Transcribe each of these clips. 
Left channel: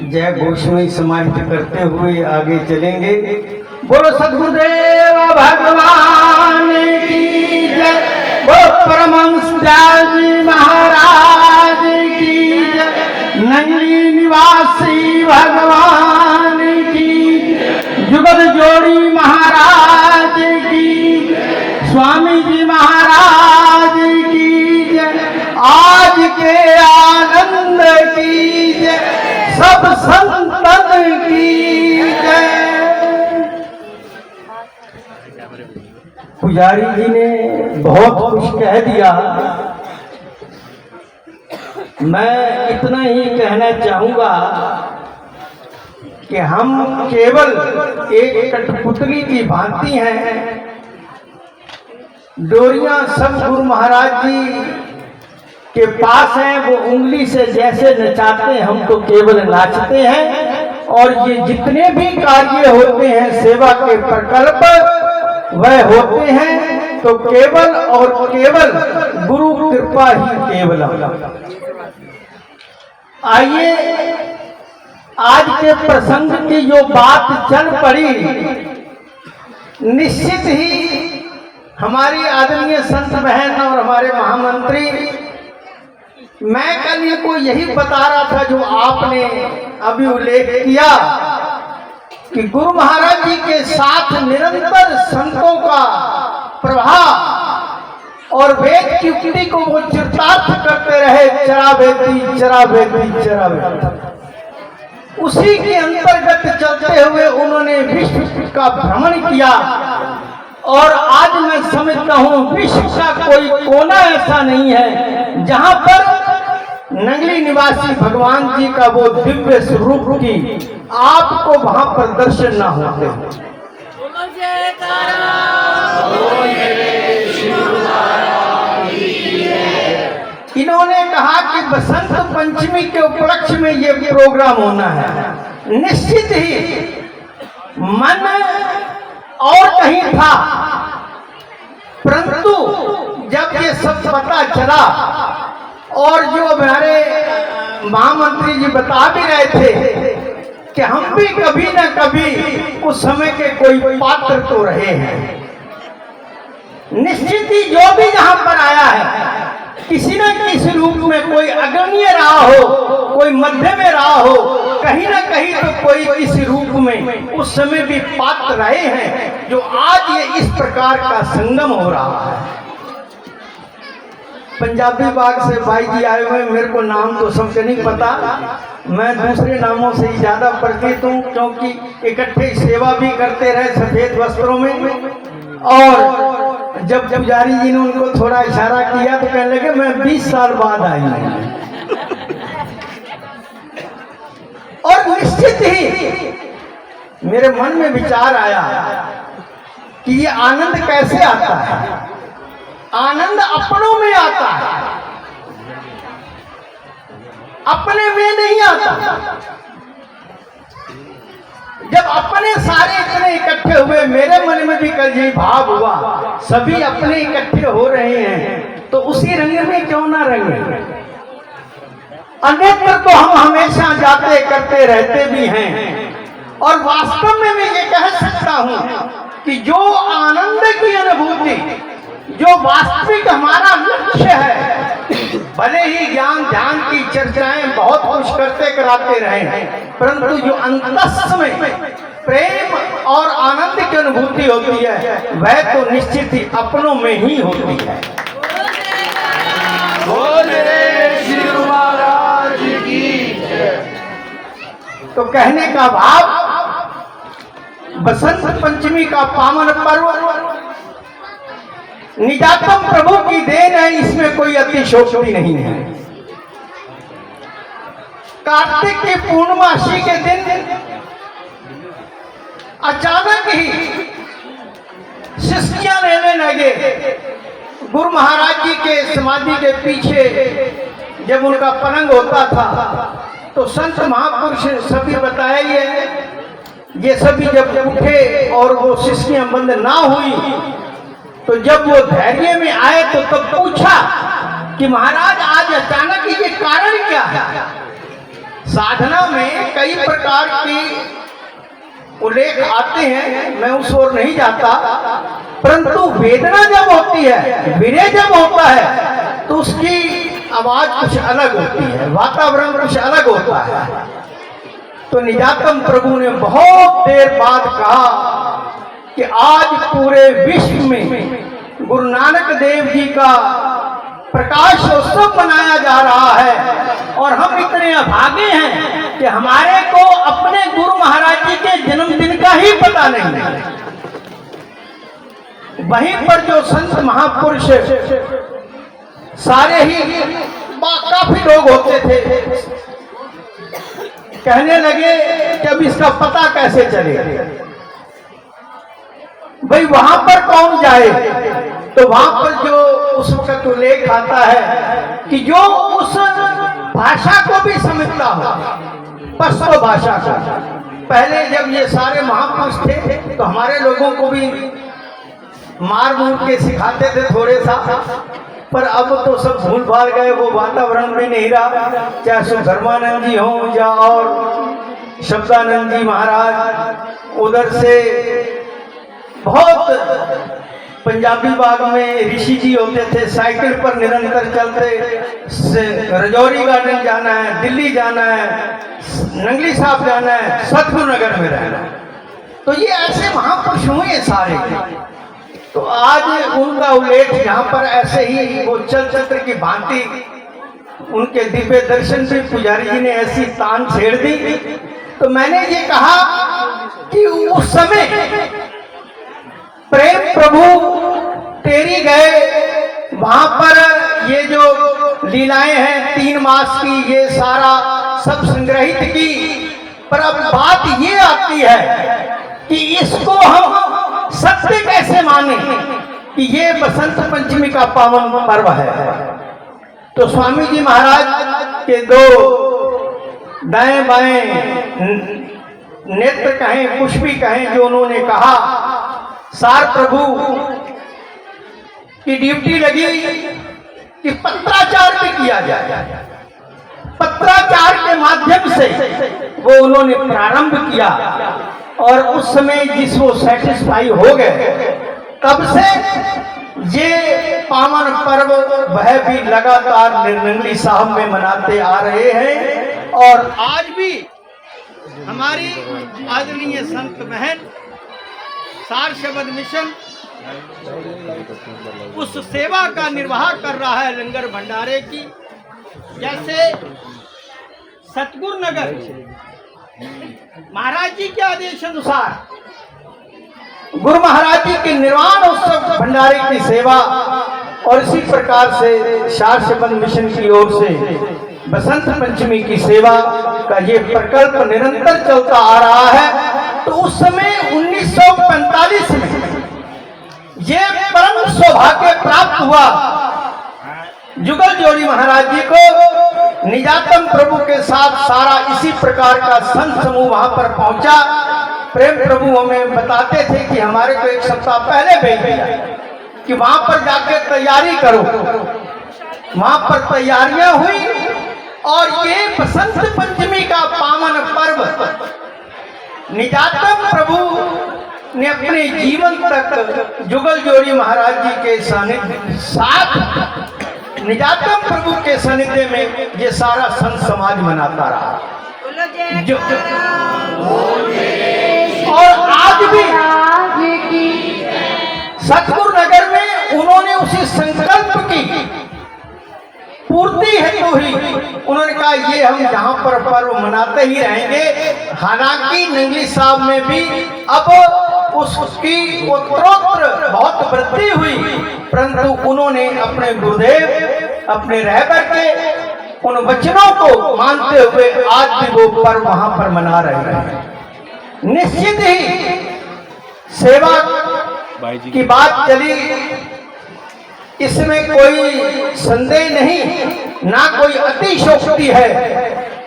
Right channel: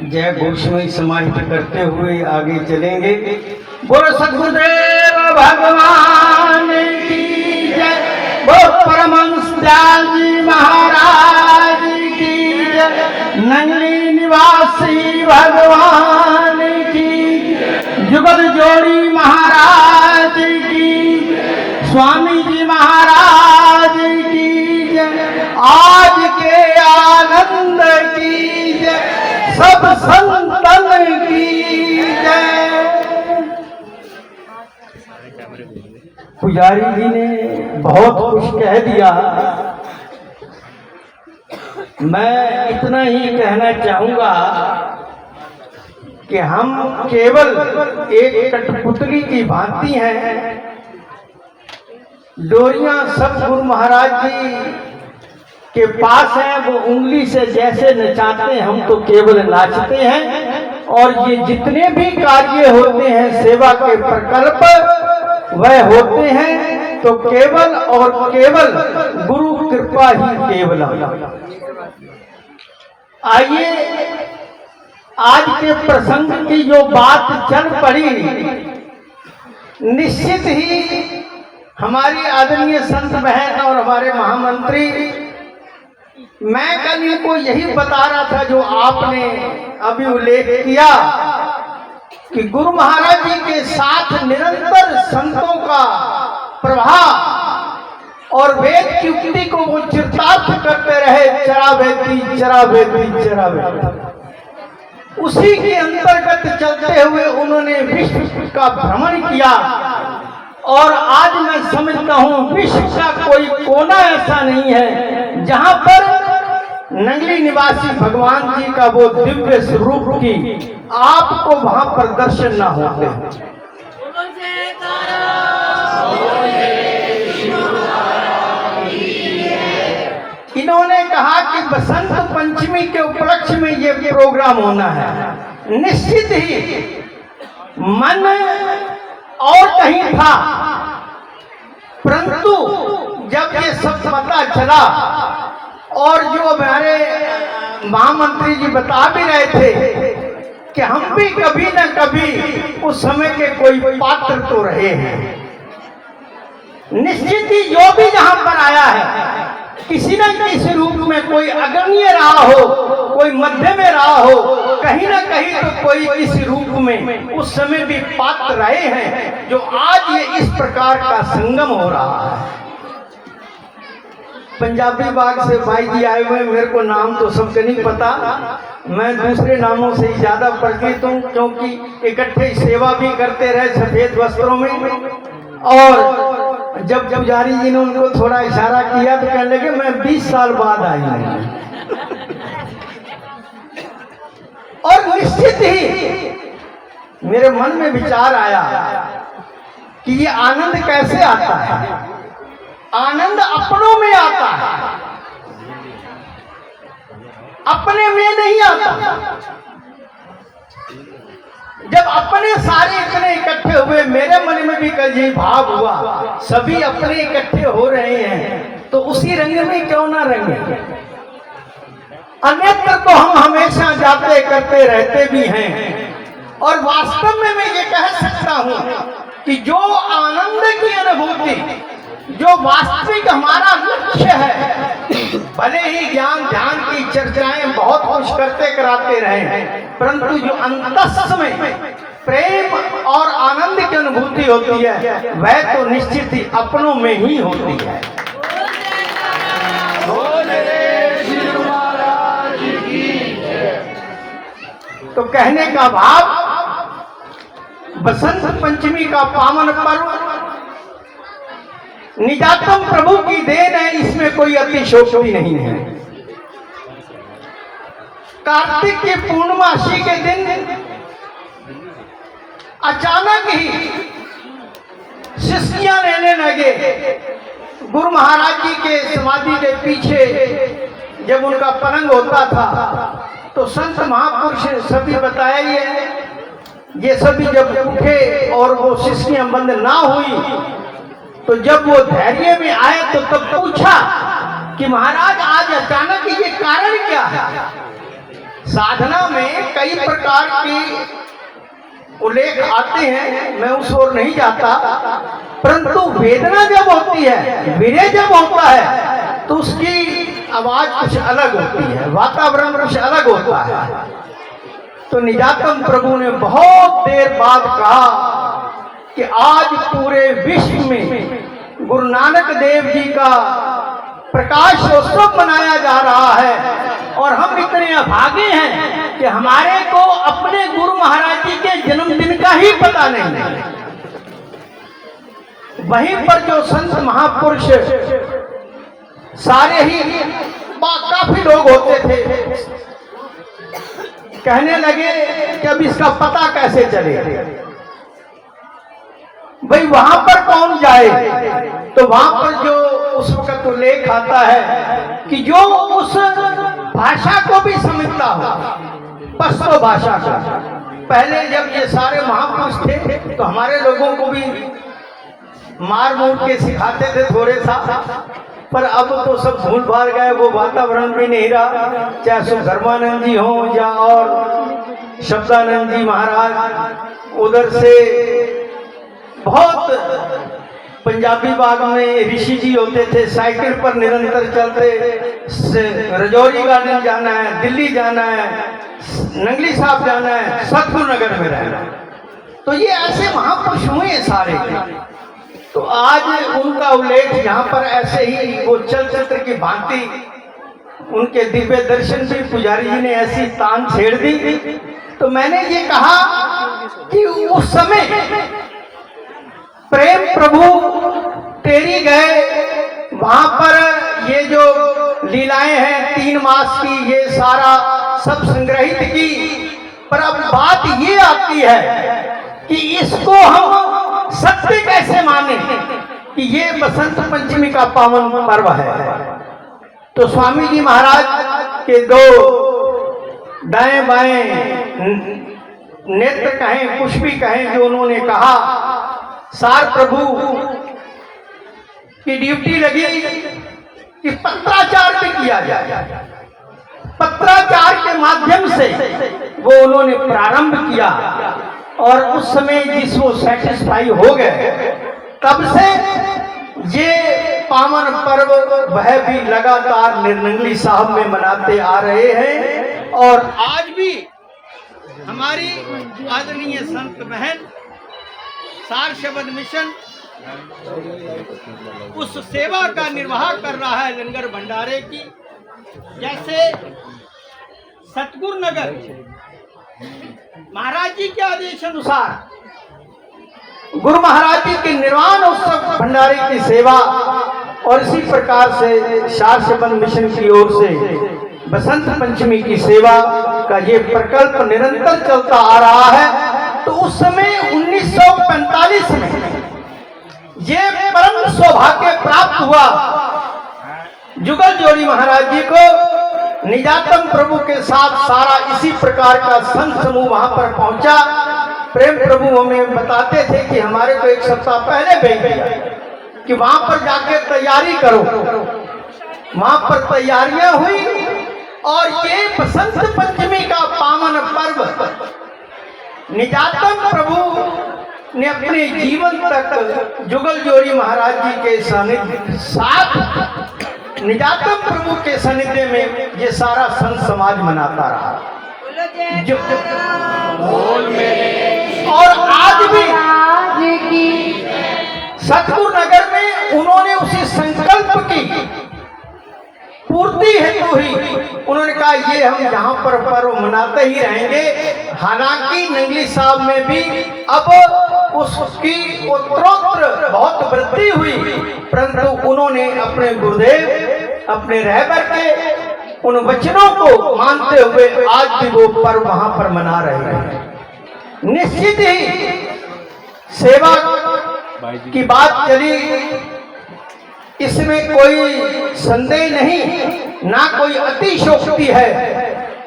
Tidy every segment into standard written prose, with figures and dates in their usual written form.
जय गोस्वामी समाहित करते हुए आगे चलेंगे। बोलो सद्गुरुदेव भगवान की जय, बोलो परमहंस जी महाराज की जय, नंगली निवासी भगवान की जय, जुगत जोड़ी महाराज की जय, स्वामी जी महाराज की जय, आज के आनंद की जय, सब संतन की जय। पुजारी जी ने बहुत कुछ कह दिया, मैं इतना ही कहना चाहूंगा कि हम केवल एक कठपुतली की भांति हैं। डोरियां सब गुरु महाराज जी के पास हैं, वो उंगली से जैसे नचाते हैं हम तो केवल नाचते हैं। और ये जितने भी कार्य होते हैं सेवा के प्रकल्प वह होते हैं तो केवल और केवल गुरु कृपा ही केवल। आइए आज के प्रसंग की जो बात चल पड़ी, निश्चित ही हमारी आदरणीय संत बहन और हमारे महामंत्री, मैं कल को यही बता रहा था जो आपने अभी उल्लेख किया कि गुरु महाराज जी के साथ निरंतर संतों का प्रभाव और वेद की उक्ति को वो चरितार्थ करते रहे, चरा बेती चरा बेती चरा बेती। उसी के अंतर्गत चलते हुए उन्होंने विश्व का भ्रमण किया। और आज मैं समझता हूं विश्व का कोई कोना ऐसा नहीं है जहां पर नंगली निवासी भगवान जी का वो दिव्य स्वरूप की आपको वहां पर दर्शन ना होते। इन्होंने कहा कि बसंत पंचमी के उपलक्ष्य में ये प्रोग्राम होना है। निश्चित ही मन और कहीं था, परंतु जब ये सब पता चला और जो हमारे महामंत्री जी बता भी रहे थे कि हम भी कभी न कभी उस समय के कोई पात्र तो रहे हैं। निश्चित ही जो भी जहां पर आया है किसी न किसी रूप में, कोई अग्रणीय रहा हो, कोई मध्य में रहा हो, कहीं ना कहीं तो कोई किसी रूप में उस समय भी पात्र रहे हैं जो आज ये इस प्रकार का संगम हो रहा है। पंजाबी बाग से भाई जी आए हुए, मेरे को नाम तो सबके नहीं पता, मैं दूसरे नामों से ही ज्यादा परिचित हूँ क्योंकि इकट्ठे सेवा भी करते रहे सफेद वस्त्रों में। और जब पुजारी जी ने उनको थोड़ा इशारा किया तो कहने लगे मैं 20 साल बाद आई हूँ। और निश्चित ही मेरे मन में विचार आया कि ये आनंद कैसे आता है। आनंद अपनों में आता है, अपने में नहीं आता। जब अपने सारे इतने इकट्ठे हुए, मेरे मन में भी कल यही भाव हुआ, सभी अपने इकट्ठे हो रहे हैं तो उसी रंग में क्यों ना रंगे। अन्यत्र तो हम हमेशा जाते करते रहते भी हैं। और वास्तव में मैं ये कह सकता हूं कि जो आनंद की अनुभूति, जो वास्तविक हमारा लक्ष्य है, भले ही ज्ञान ध्यान की चर्चाएं बहुत कुछ करते कराते रहे, परंतु जो अंतस में प्रेम और आनंद की अनुभूति होती है वह तो निश्चित ही अपनों में ही होती है। तो कहने का भाव, बसंत पंचमी का पावन पर्व निजातम प्रभु की देन है, इसमें कोई अतिशयोक्ति नहीं है। कार्तिक की पूर्णमासी के दिन अचानक ही शिष्टियां लेने लगे। गुरु महाराज जी के समाधि के पीछे जब उनका पलंग होता था तो संत महापुरुष सभी बताया ये सभी जब उठे और वो शिष्टियां बंद ना हुई तो जब वो धैर्य में आए तो तब पूछा कि महाराज आज अचानक ये कारण क्या है। साधना में कई प्रकार की उल्लेख आते हैं, मैं उस ओर नहीं जाता, परंतु वेदना जब होती है, विरह जब होता है, तो उसकी आवाज कुछ अलग होती है, वातावरण कुछ अलग होता है। तो निजातम प्रभु ने बहुत देर बाद कहा कि आज पूरे विश्व में गुरु नानक देव जी का प्रकाश उत्सव मनाया जा रहा है और हम इतने अभागे हैं कि हमारे को अपने गुरु महाराज जी के जन्मदिन का ही पता नहीं है। वहीं पर जो संत महापुरुष सारे ही काफी लोग होते थे, कहने लगे कि अब इसका पता कैसे चले, भाई वहां पर कौन जाए। तो वहां पर जो उस वक्त उल्लेख आता है कि जो उस भाषा को भी समझता हो, पश्तो भाषा को। पहले जब ये सारे महापुरुष थे तो हमारे लोगों को भी मार मूर के सिखाते थे थोड़े सा, पर अब तो सब भूल भाल गए, वो वातावरण में नहीं रहा। चाहे सुधर्मानंद जी हों या और शब्दानंद जी महाराज, उधर से बहुत पंजाबी बाग में ऋषि जी होते थे, साइकिल पर निरंतर चलते, रजौरी गार्डन जाना है, दिल्ली जाना है, नंगली साहब जाना है, सतगुरु नगर में रहना है। तो ये ऐसे महापुरुष हुए सारे। तो आज उनका उल्लेख यहाँ पर ऐसे ही वो चलचित्र की भांति उनके दिव्य दर्शन से पुजारी जी ने ऐसी तान छेड़ दी। तो मैंने ये कहा कि उस समय प्रेम प्रभु तेरी गए, वहां पर ये जो लीलाएं हैं 3 मास की, ये सारा सब संग्रहित की। पर अब बात ये आती है कि इसको हम सत्य कैसे माने कि ये बसंत पंचमी का पावन पर्व है। तो स्वामी जी महाराज के 2 दाएं बाएं नेत्र कहें, कुछ भी कहें, जो उन्होंने कहा, सार प्रभु की ड्यूटी लगी कि पत्राचार भी किया जाए। पत्राचार के माध्यम से वो उन्होंने प्रारंभ किया और उस समय जिस वो सेटिस्फाई हो गए, तब से ये पावन पर्व वह भी लगातार निर्नंगली साहब में मनाते आ रहे हैं। और आज भी हमारी आदरणीय संत बहन सार शब्द मिशन उस सेवा का निर्वाह कर रहा है लंगर भंडारे की। जैसे सतगुरु नगर महाराज जी के आदेश अनुसार गुरु महाराज जी के निर्वाण उत्सव भंडारे की सेवा, और इसी प्रकार से सार शब्द मिशन की ओर से बसंत पंचमी की सेवा का ये प्रकल्प निरंतर चलता आ रहा है। तो उस समय 1945 में ये परम सौभाग्य प्राप्त हुआ जुगल जोड़ी महाराज जी को। निजातम प्रभु के साथ सारा इसी प्रकार का संत समूह वहां पर पहुंचा। प्रेम प्रभु हमें बताते थे कि हमारे को 1 सप्ताह पहले भेज दिया कि वहां पर जाके तैयारी करो। वहां पर तैयारियां हुई और ये बसंत पंचमी का पावन पर्व निजातम प्रभु ने अपने जीवन तक जुगल जोड़ी महाराज जी के सानिध्य साथ निजातम प्रभु के सानिध्य में ये सारा संत समाज मनाता रहा। और आज भी सतगुरु नगर में उन्होंने उसी संकल्प की पूर्ति हेतु ही उन्होंने कहा ये हम यहाँ पर पर्व मनाते ही रहेंगे। हालांकि नंगली साहब में भी अब उसकी उत्तरोत्तर बहुत वृद्धि हुई, परंतु उन्होंने अपने गुरुदेव अपने रहबर के उन वचनों को मानते हुए आज भी वो पर्व वहां पर मना रहे हैं। निश्चित ही सेवा की बात चली, इसमें कोई संदेह नहीं, ना कोई अतिशयोक्ति है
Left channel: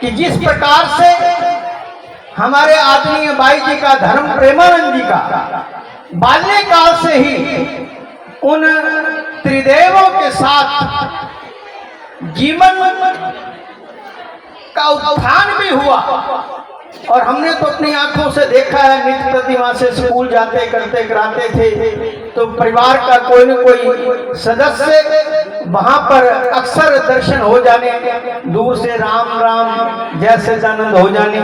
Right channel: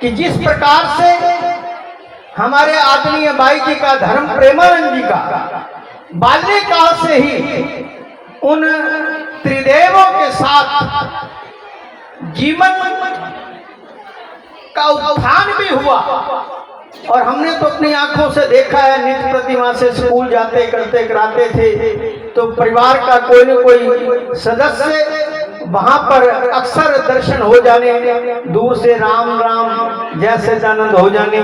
कि जिस प्रकार से हमारे आदरणीय बाई जी का धर्म प्रेमानंद जी का बाल्यकाल से ही उन त्रिदेवों के साथ जीवन का उत्थान भी हुआ, और हमने तो अपनी आंखों से देखा है, नित्य प्रति वहां से स्कूल जाते करते कराते थे, तो परिवार का कोई न कोई सदस्य वहां पर अक्सर दर्शन हो जाने, दूर से राम राम जय सच्चिदानंद हो जाने,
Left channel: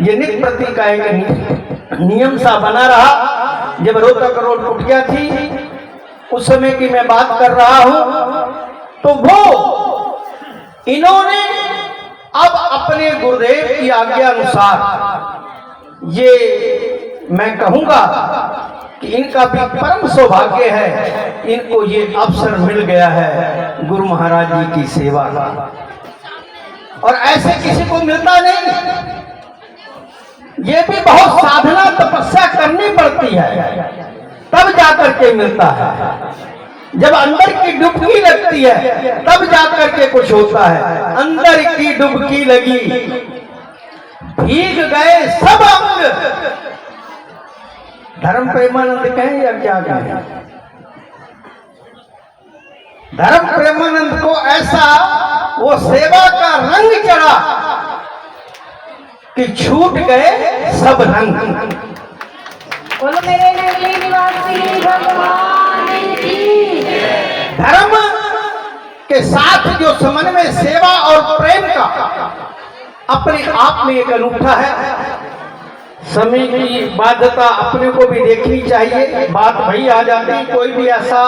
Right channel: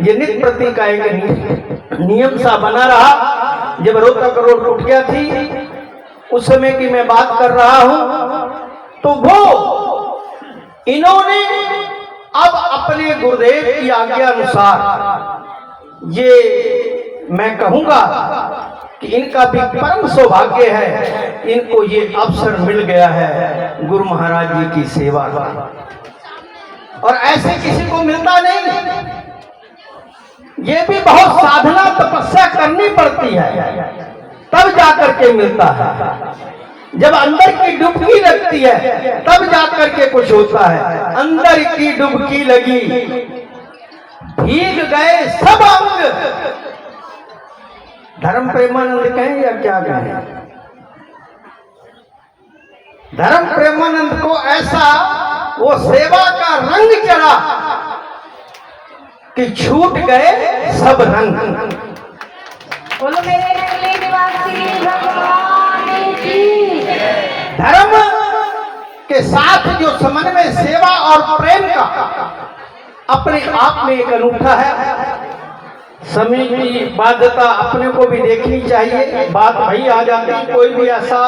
ये नित्य प्रति का एक नियम सा बना रहा। जब रोहतक रोड टूट गया थी, उस समय की मैं बात कर रहा हूं, तो वो इन्होंने अब अपने गुरुदेव की आज्ञा अनुसार, ये मैं कहूंगा कि इनका भी परम सौभाग्य है, इनको ये अवसर मिल गया है गुरु महाराज जी की सेवा का, और ऐसे किसी को मिलता नहीं। ये भी बहुत साधना तपस्या करनी पड़ती है, तब जाकर के मिलता है। जब अंदर की डुबकी लगती है तब जाकर के कुछ होता है। अंदर की डुबकी लगी, भीग गए सब अंग। धर्म प्रेमानंद कहें या क्या कहें, धर्म प्रेमानंद को ऐसा वो सेवा का रंग चढ़ा कि छूट गए सब रंग। बोलो मेरे नगरी निवासी भगवान की। धर्म के साथ जो समन्वय सेवा और प्रेम का अपने आप में एक अनूठा है। समय की बाध्यता अपने को भी देखनी चाहिए। बात वही आ जाती, कोई भी ऐसा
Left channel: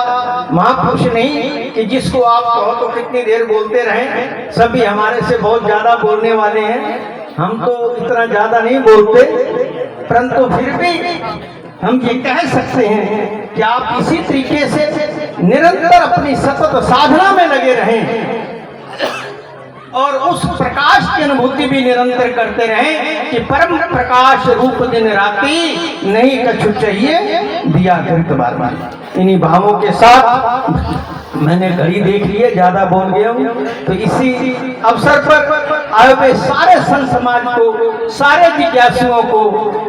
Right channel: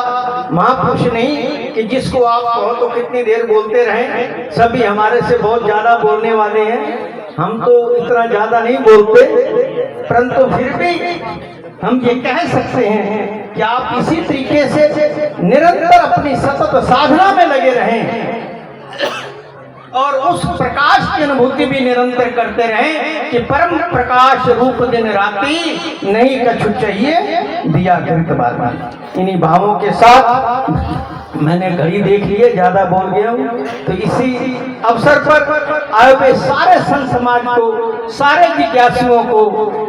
महापुरुष नहीं कि जिसको आप कहो तो कितनी देर बोलते रहें। सभी हमारे से बहुत ज्यादा बोलने वाले हैं, हम तो इतना ज्यादा नहीं बोलते, परंतु फिर भी हम ये कह सकते हैं कि आप इसी तरीके से निरंतर अपनी सतत साधना में लगे रहें और उस प्रकाश की अनुभूति भी निरंतर करते रहें कि परम प्रकाश रूप दिन राती नहीं कछु चाहिए दिया कृत बार। इन्हीं भावों के साथ मैंने घड़ी देख ली है, ज्यादा बोल गया हूँ, तो इसी अवसर पर आए हुए सारे संत समाज को, सारे जिज्ञासुओं को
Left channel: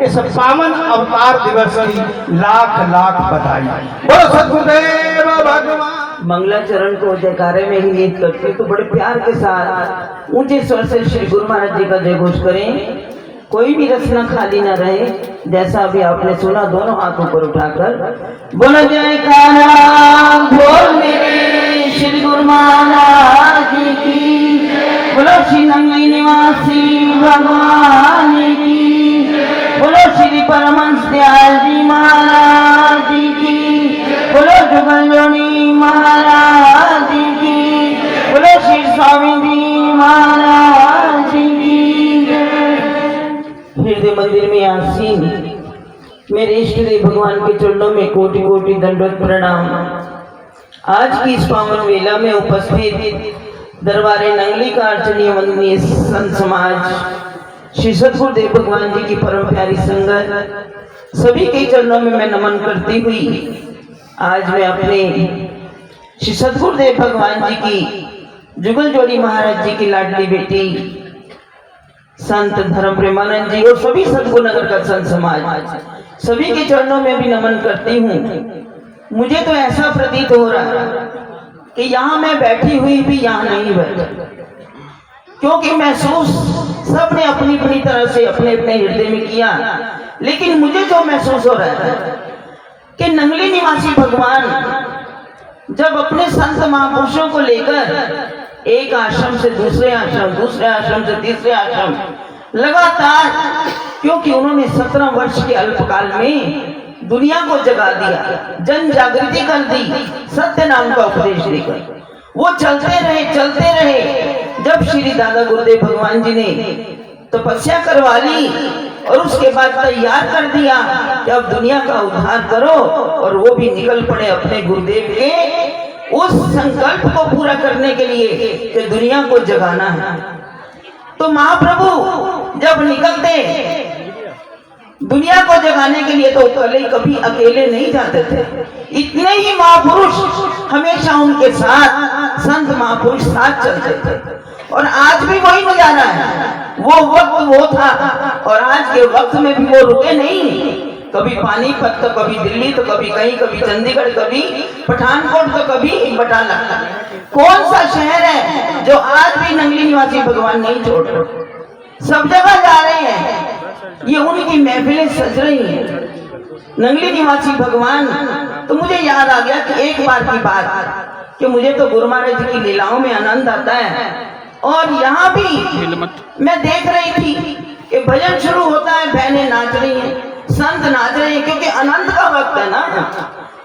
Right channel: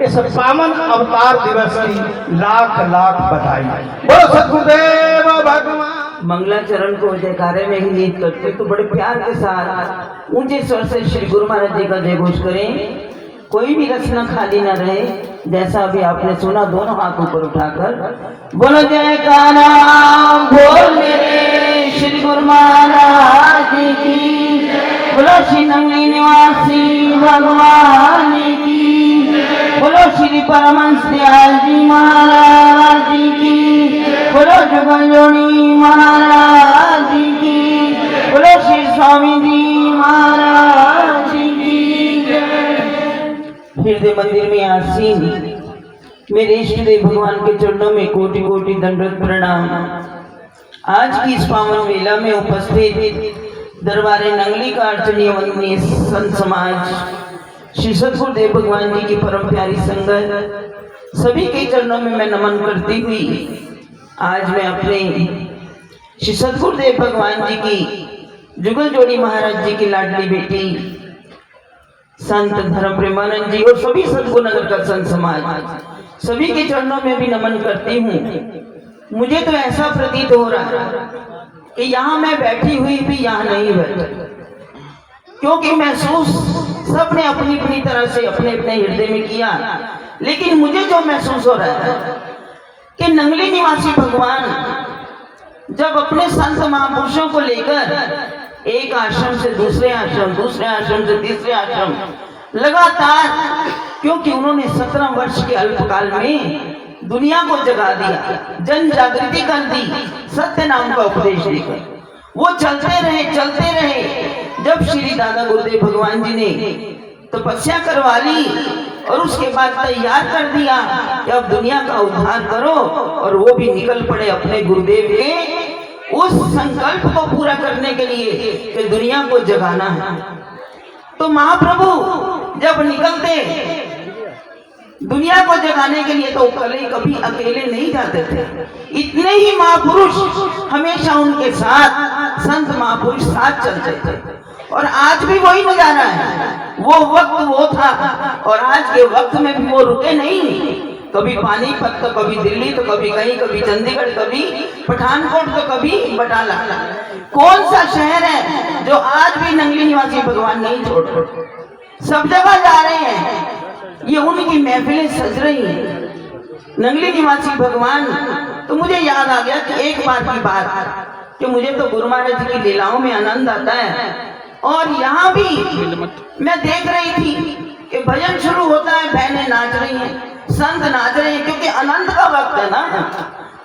इस पावन अवतार दिवस की लाख लाख बधाई। बोलो सद्गुरुदेव भगवान। मंगलाचरण को जयकारे में ही नीत करते तो बड़े प्यार के साथ ऊंचे स्वर से श्री गुरु महाराज जी का जय घोष करें। कोई भी रचना खाली न रहे। जैसा अभी आपने सुना, दोनों हाथ ऊपर उठाकर बोलो जयकारा बोल मेरे श्री गुरु महाराज जी की। बोलो श्री नंगली निवासी भगवान की। बोलो श्री परमहंस दयाल जी महाराज जी की। बोलो जुगल जोड़ी महाराज जी की। बोलो श्री स्वामी जी महाराज जी की। हृदय मंदिर में आसीन मेरे इष्ट देव भगवान के चरणों में कोटि कोटि दंडवत प्रणाम। आज की इस पावन वेला में उपस्थित दरबारे नंगली का अर्चनीय वंदनीय संत समाज, श्री सद्गुरुदेव भगवान जी की परम प्यारी संगत, सभी के चरणों में मैं नमन करती हुई आज मैं अपने श्री सद्गुरुदेव भगवान जी की जुगल जोड़ी महाराज जी की लाडली बेटी संत धर्म प्रेमानंद जी और सभी सद्गुरु नगर का संत समाज, सभी के चरणों में भी नमन करती हूँ। मुझे तो ऐसा प्रतीत हो रहा है कि यहाँ मैं बैठी हुई भी यहाँ नहीं बैठी, क्योंकि महसूस सबने अपनी अपनी तरह से अपने अपने हृदय में किया, लेकिन मुझे जो महसूस हो रहा है कि नंगली निवासी भगवान जब अपने संत महापुरुषों को लेकर एक आश्रम से दूसरे आश्रम, दूसरे आश्रम से तीसरे आश्रम लगातार, क्योंकि उन्होंने 17 वर्ष के अल्पकाल में दुनिया को जगा दिया, जन जागृति कर दी, सत्य नाम का उपदेश देकर वो चलते रहे। जब श्री दादा गुरुदेव भगवान जी ने तपस्या करवा ली और उसके बाद तैयार कर दिया कि अब दुनिया का उद्धार करो, और वो भी निकल पड़े अपने गुरुदेव के उस संकल्प को पूरा करने के लिए कि दुनिया को जगाना है। तो महाप्रभु जब निकलते दुनिया को जगाने के लिए तो कभी अकेले नहीं जाते थे। इतने ही महापुरुष हमेशा उनके साथ संत महापुरुष साथ चलते थे, और आज भी वही नजारा है। वो वक्त वो था और आज के वक्त में भी वो रुके नहीं। कभी पानीपत तो कभी दिल्ली तो कभी कहीं, कभी चंडीगढ़, कभी पठानकोट तो कभी बटाला। कौन सा शहर है जो आज भी नंगली निवासी भगवान नहीं छोड़ रहे? सब जगह जा रहे हैं। ये उनकी महफिलें सज रही हैं। नंगली निवासी भगवान, तो मुझे याद आ गया कि एक बार की बात कि मुझे तो गुरु महाराज जी की लीलाओं में आनंद आता है, और यहाँ भी मैं देख रही थी कि भजन शुरू होता है, बहनें नाच रही हैं, संत नाच रहे हैं, क्योंकि आनंद का वक्त है ना,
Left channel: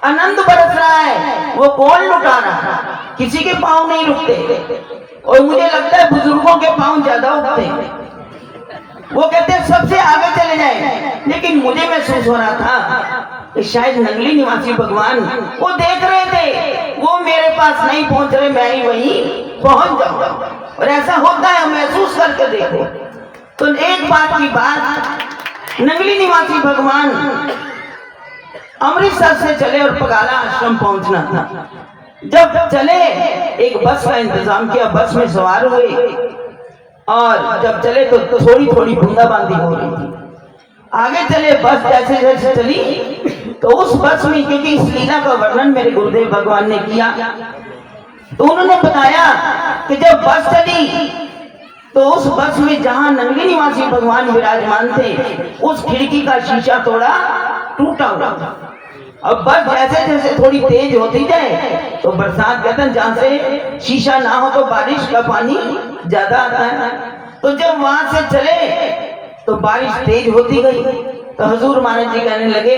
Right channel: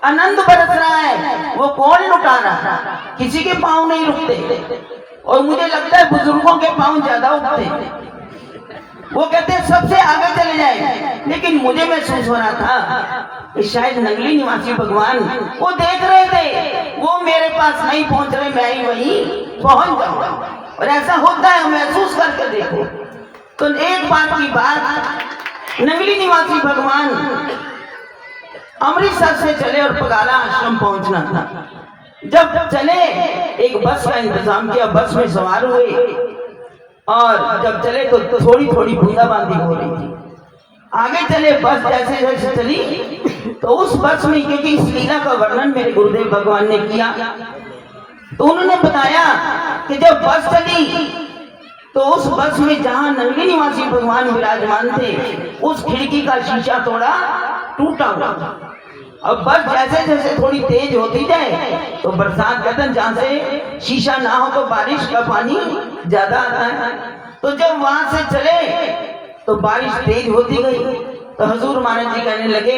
आनंद बरस रहा है। वो कौन लुटा रहा है, किसी के पाँव नहीं रुकते, और मुझे लगता है बुजुर्गों के पाँव ज्यादा उठते हैं। वो कहते हैं सबसे आगे चले जाए, लेकिन मुझे महसूस हो रहा था कि शायद नंगली निवासी भगवान वो देख रहे थे, वो मेरे पास नहीं पहुंच रहे, मैं ही वहीं पहुंच जाऊंगा। और ऐसा होता है, महसूस करके देखो। तो एक बात की बात, नंगली निवासी भगवान अमृतसर से चले और पगाला आश्रम पहुंचना था। जब चले, एक बस का इंतजाम किया, बस में सवार हुए, और जब चले तो थोड़ी थोड़ी बूंदाबांदी हो रही थी। आगे चले, बस जैसे जैसे चली, तो उस बस में, क्योंकि इस लीला का वर्णन मेरे गुरुदेव भगवान ने किया, तो उन्होंने बताया कि जब बस चली तो उस बस में जहां नंगली निवासी भगवान विराजमान थे, उस खिड़की का शीशा थोड़ा टूटा हुआ। अब बस जैसे जैसे थोड़ी तेज होती जाए, तो बरसात कहते हैं जहां से शीशा ना हो तो बारिश का पानी ज्यादा आता है। तो जब वहां से चले तो बारिश तेज होती गई, तो हजूर महाराज जी कहने लगे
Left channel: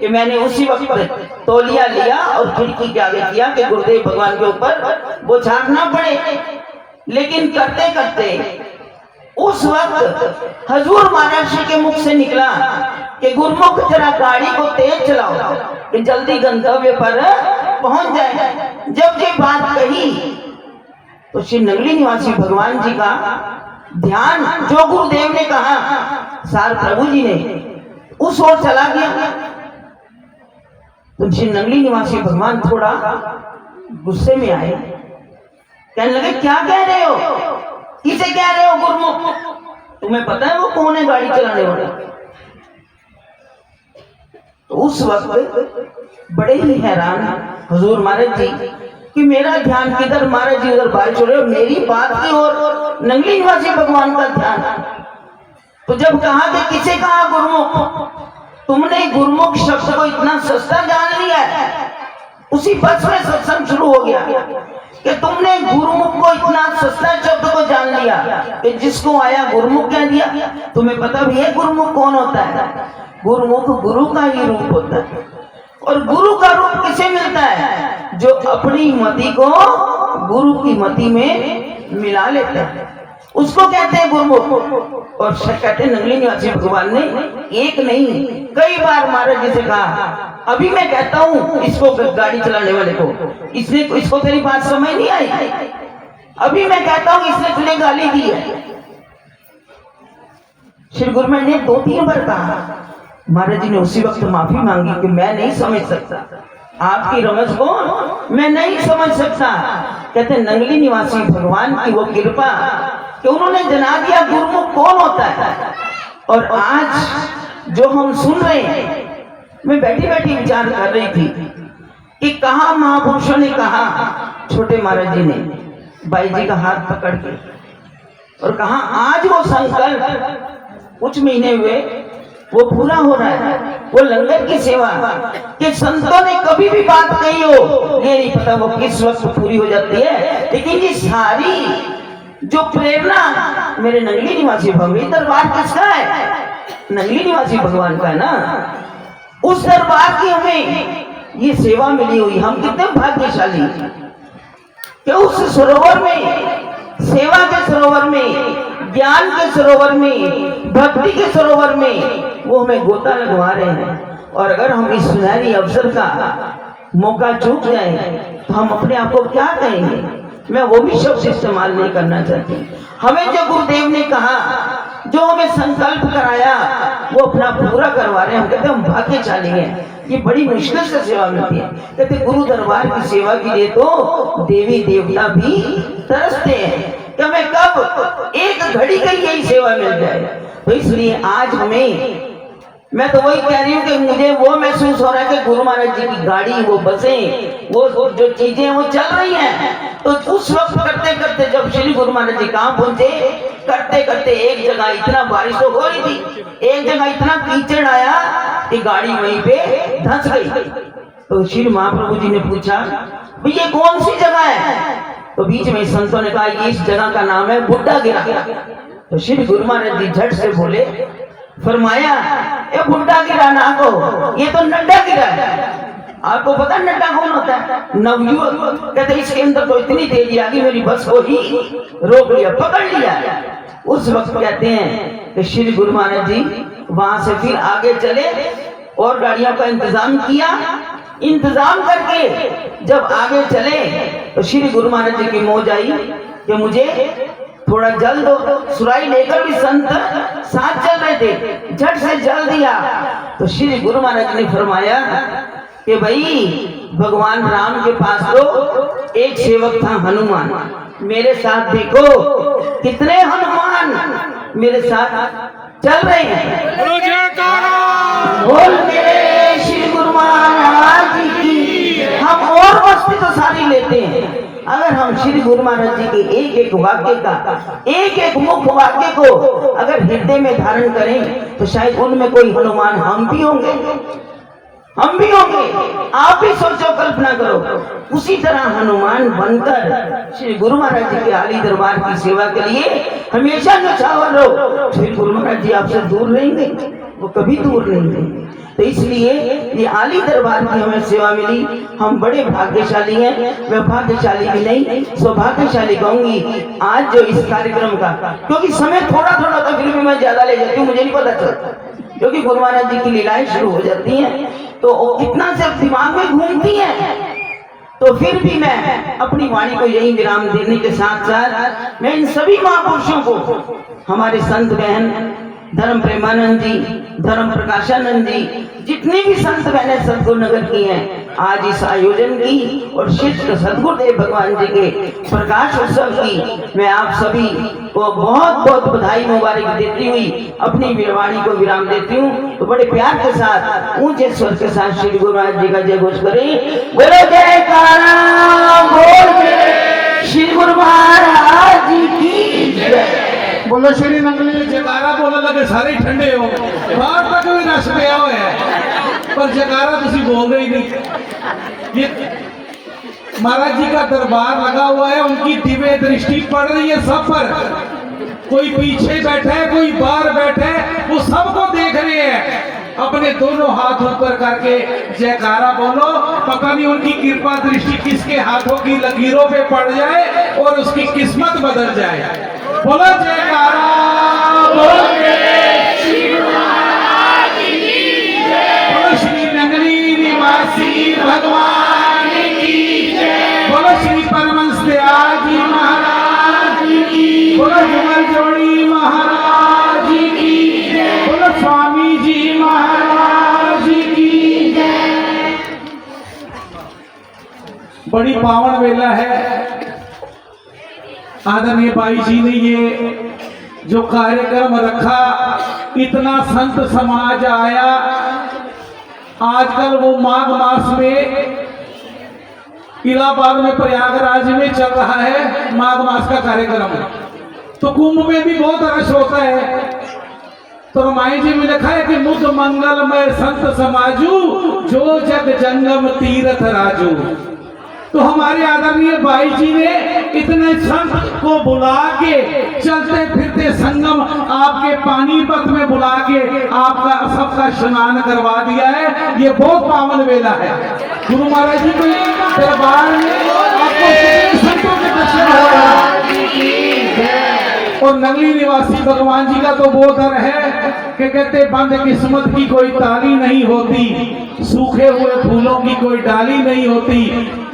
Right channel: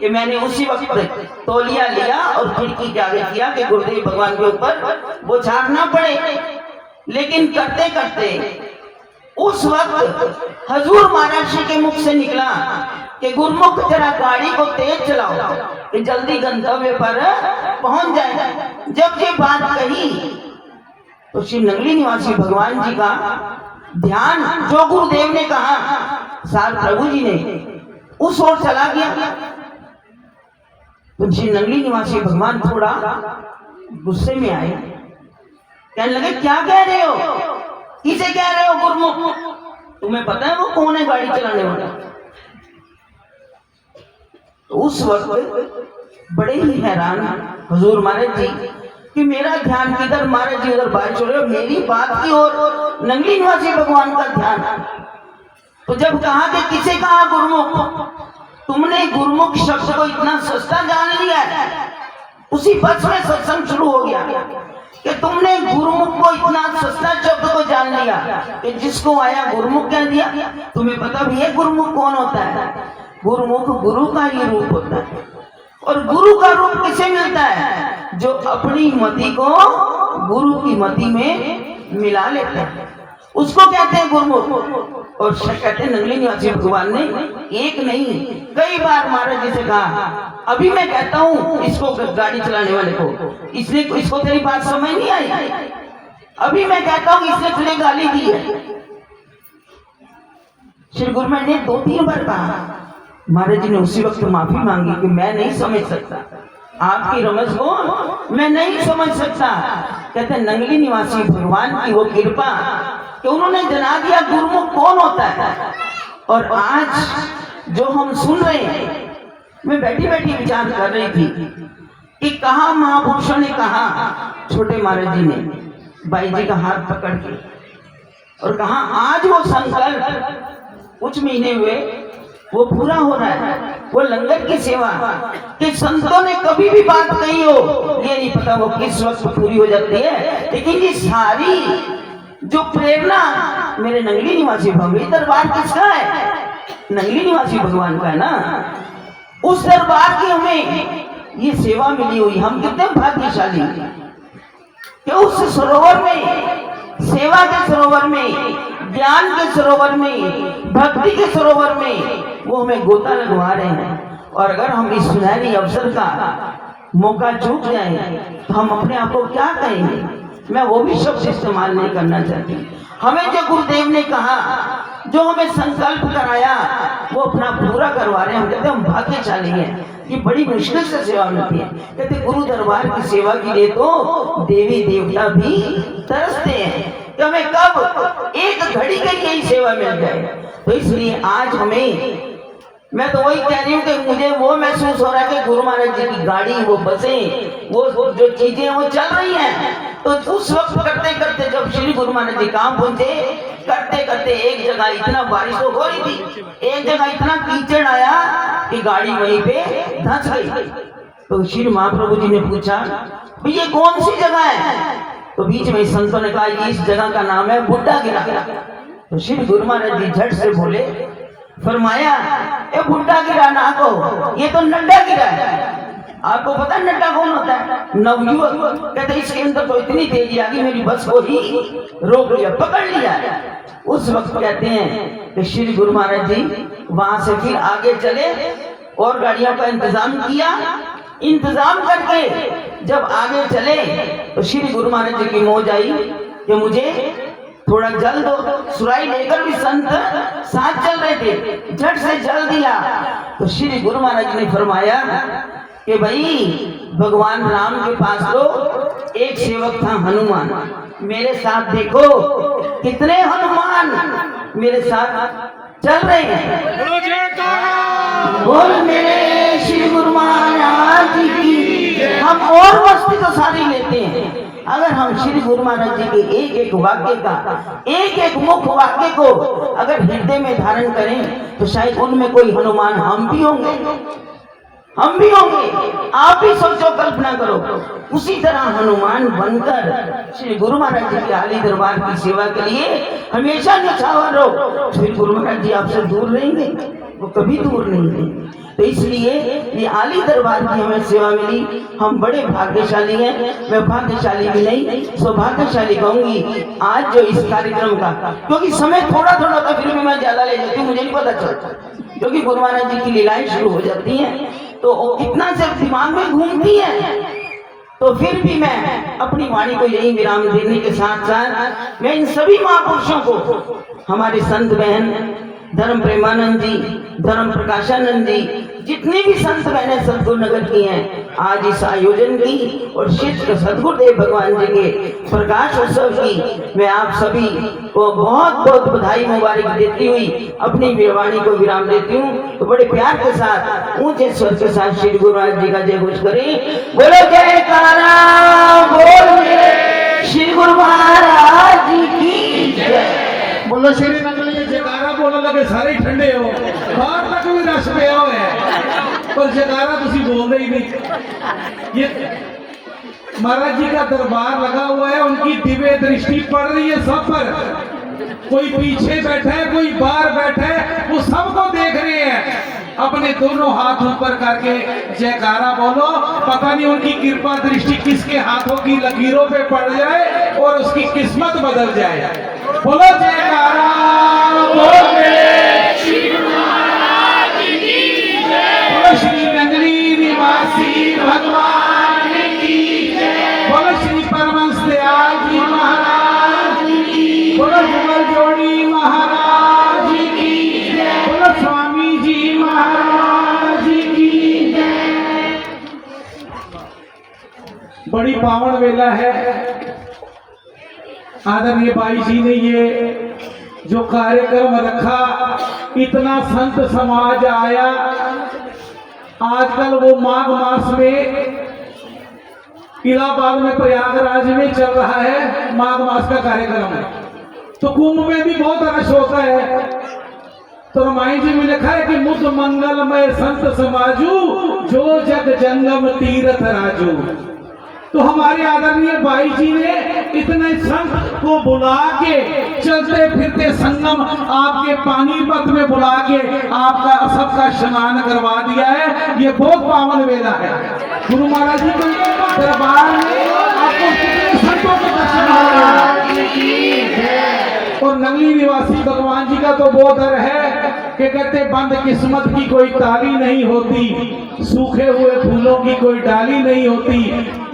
कि मैंने उसी वक्त तौलिया लिया और खिड़की के आगे किया कि गुरुदेव भगवान के ऊपर वो छापना पड़े। लेकिन करते करते उस वक्त हजूर महाराज जी के मुख से निकला कि गुरुमुख जरा गाड़ी को तेज चलाओ कि जल्दी गंतव्य पर पहुंच जाए। जब ये बात कही तो श्री नंगली निवासी भगवान जी का ध्यान, जो गुरुदेव ने कहा, सार प्रभु जी ने उस ओर चला गया। तो श्री नंगली निवासी भगवान थोड़ा गुस्से में आए, कहने लगे क्या कह रहे हो, किसे कह रहे हो गुरुमुख, तुम्हें पता है वो कौन है गाड़ी चलाने वाला। तो उस वक्त बड़े ही हैरान हुजूर महाराज जी कि मेरा ध्यान किधर, महाराज जी उधर बारिश हो रही है, मेरी बात की ओर नंगली निवासी भगवान का ध्यान। तो जब कहा कि किसे कहा गुरुमुख, तुमने गुरुमुख शब्द को इतना सस्ता जान लिया है। उसी पक्ष में सत्संग शुरू हो गया कि तुमने गुरुमुख को इतना सस्ता शब्द को जान लिया कि जिसको आया गुरुमुख कह दिया। तुम्हें पता भी है गुरुमुख कौन होता है? गुरुमुख गुरु का ही रूप होता है। और गुरु का रूप किसे मिलता है? जो अपनी मति को गुरु की मति में मिला लेता है, उसको कहते हैं गुरुमुख। और कहते हैं नंगली निवासी भगवान ने एक नहीं कई बार महाराज जी से कहा, अभी मैं कहता हूँ इसको, गाड़ी चलाने वाले को, इसको तेरी बात समझ नहीं आई, अभी मैं कहता हूँ इसने तुझे गाली दी है। श्री गुरु ने 2-3 बार कहा। महाराज जी ने उसी वक्त माफी मांगी कि मैं नहीं समझ सकता, आपकी रमज को मैं नहीं समझ सकता। कहते हैं नंगली निवासी भगवान की वो कृपा कि उन्होंने जना दिया गुरुमुख कौन होता है। और आज जो हम सुन रहे हैं, मैं बैठी बैठी विचार कर रही थी कि कहा महापुरुषों ने कहा, छोटे महाराज जी ने बाई जी का हाथ पकड़ के और कहा आज वो संकल्प कुछ महीने हुए वो पूरा हो रहा है। वो लंगर की सेवा कि संतों ने कभी भी बात कही हो, ये नहीं पता वो किस वक्त पूरी हो जाती है, लेकिन ये सारी जो प्रेरणा मेरे नंगली निवासी भगवान, दरबार किसका है? नंगली निवासी भगवान का है ना। उस दरबार की हमें ये सेवा मिली हुई, हम कितने भाग्यशाली कि उस सरोवर में, सेवा के सरोवर में, ज्ञान के सरोवर में, भक्ति के सरोवर में वो हमें गोता लगवा रहे हैं। और अगर हम इस सुनहरी अवसर का मौका चूक जाएं तो हम अपने आप को क्या कहेंगे? मैं वो भी शब्द इस्तेमाल नहीं करना चाहती। हमें जो गुरुदेव ने कहा, जो हमें संकल्प कराया, वो अपना पूरा करवा रहे हैं। हम कहते हैं हम भाग्यशाली हैं, ये बड़ी मुश्किल से सेवा मिलती है। कहते गुरु दरबार की सेवा के लिए तो देवी देवता भी तरसते हैं कि हमें कब एक घड़ी के लिए ही सेवा मिल जाए। तो इसलिए आज हमें, मैं तो वही कह रही हूँ कि मुझे वो महसूस हो रहा है कि गुरु महाराज जी की गाड़ी, वो बसें, वो जो चीजें वो चल रही हैं। तो उस वक्त करते करते जब श्री गुरु महाराज जी कहाँ पहुंचे करते करते एक जगह इतना बारिश तो हो रही थी, एक जगह इतना कीचड़ आया कि गाड़ी वहीं पे धंस गई। तो श्री महाप्रभु जी ने पूछा भाई ये कौन सी जगह है? तो बीच में संतों ने कहा कि इस जगह का नाम है बुड्ढा गिरा। तो श्री गुरु महाराज जी झट से बोले, फरमाया ये बुड्ढा गिरा ना को, ये तो नड्डा गिरा है। आपको पता है नड्डा कौन होता है? नवयुवक। कहते इसके अंदर तो इतनी तेजी आ गई मेरी बस को ही रोक लिया, पकड़ लिया। उस वक्त कहते हैं कि श्री गुरु महाराज जी वहां से फिर आगे चले और गाड़ियों का इंतजाम किया। इंतजाम करके जब आगे चले तो श्री गुरु महाराज जी की मौज आई कि मुझे थोड़ा जल दो। सुराई लेकर भी संत साथ चल रहे थे, झट से जल दिया। तो श्री गुरु महाराज ने फरमाया कि भाई भगवान राम के पास तो एक सेवक था हनुमान, मेरे साथ देखो कितने हनुमान मेरे साथ चल रहे हैं। बोल मेरे श्री गुरु महाराज जी की। हम और मस्ती तो सारी लेते हैं, अगर हम श्री गुरु महाराज जी के एक एक वाक्य का, एक एक मुख्य वाक्य को अगर हृदय में धारण करें तो शायद उनमें कोई हनुमान हम भी होंगे, हम भी होंगे। आप ही सोचो, कल्पना करो, उसी तरह हनुमान बनकर श्री गुरु महाराज जी के आली दरबार की सेवा के लिए हमेशा न्यौछावर रहो। श्री गुरु महाराज जी आपसे दूर रहेंगे, वो कभी दूर नहीं रहेंगे। तो इसलिए ये आली दरबार की हमें सेवा मिली, हम बड़े भाग्यशाली हैं। मैं भाग्यशाली भी नहीं, सौभाग्यशाली कहूंगी आज जो इस कार्यक्रम का, क्योंकि समय थोड़ा थोड़ा तो फिर भी मैं ज्यादा ले जाती हूँ, मुझे नहीं पता चलता, क्योंकि गुरु महाराज जी की लीलाएं शुरू हो जाती हैं तो कितना से दिमाग में घूमती है। तो फिर भी मैं अपनी वाणी को यही विराम देने के साथ साथ मैं इन सभी महापुरुषों को, हमारे संत बहन धर्म प्रेमानंद जी, धर्म प्रकाशानंद जी, जितने भी संत बहने सदगुरु नगर की हैं, आज इस आयोजन की और शिष्ट सदगुरुदेव भगवान जी के प्रकाश उत्सव की मैं आप सभी को बहुत बहुत बधाई मुबारक देती हुई अपनी वाणी को विराम देती हूँ। तो बड़े प्यार के साथ ऊंचे स्वर के साथ श्री गुरु महाराज जी का जय घोष करें। बोलो जयकारा बोल मेरे श्री गुरु महाराज जी की जय। बोलो श्री नंगली जयकारा बोलने लगे सारे ठंडे हो, बाहर तक भी रश पिया हुआ है पर जयकारा तुसी बोल ही नहीं। ये महाराज जी का दरबार लगा हुआ है, उनकी दिव्य दृष्टि पड़ रही है सब पर। कोई पीछे बैठा है, कोई बाहर बैठा है, वो सबको देख रहे हैं। अपने दोनों हाथ ऊपर करके जयकारा बोलो, पता नहीं उनकी कृपा दृष्टि किसके हाथों की लकीरों पे पड़ जाए और उसकी किस्मत बदल जाए। बोलो जयकारा बोल बोलो श्री नगरी निवासी भगवान की जय। बोलो श्री परमहंस दयाल जी महाराज की, बोलो भुवन जोड़ी महाराज की जय। बोलो स्वामी जी महाराज की जय। बड़ी पावन वेला है। आदरणीय भाई जी ने ये जो कार्यक्रम रखा, इतना संत समाज आया। आजकल वो माघ मास में इलाहाबाद में प्रयागराज में चल रहा है माघ मास का कार्यक्रम, तो कुंभ में भी बहुत रश होता है। तो रामायण जी में लिखा है कि मुद मंगलमय संत समाजू, जो जग जंगम तीर्थ राजू। तो हमारे आदरणीय भाई जी ने इतने संत को बुला के, चलते फिरते संगम आपके पानीपत में बुला के आपका सबका स्नान करवा दिया है। ये बहुत पावन वेला है। गुरु महाराज जी के दरबार में आपको कितने संतों के दर्शन हो रहे हैं। और नगली निवासी भगवान जी का तो वो दर है कि कहते बंद किस्मत की कोई ताली नहीं होती, सूखे हुए फूलों की कोई डाली नहीं होती।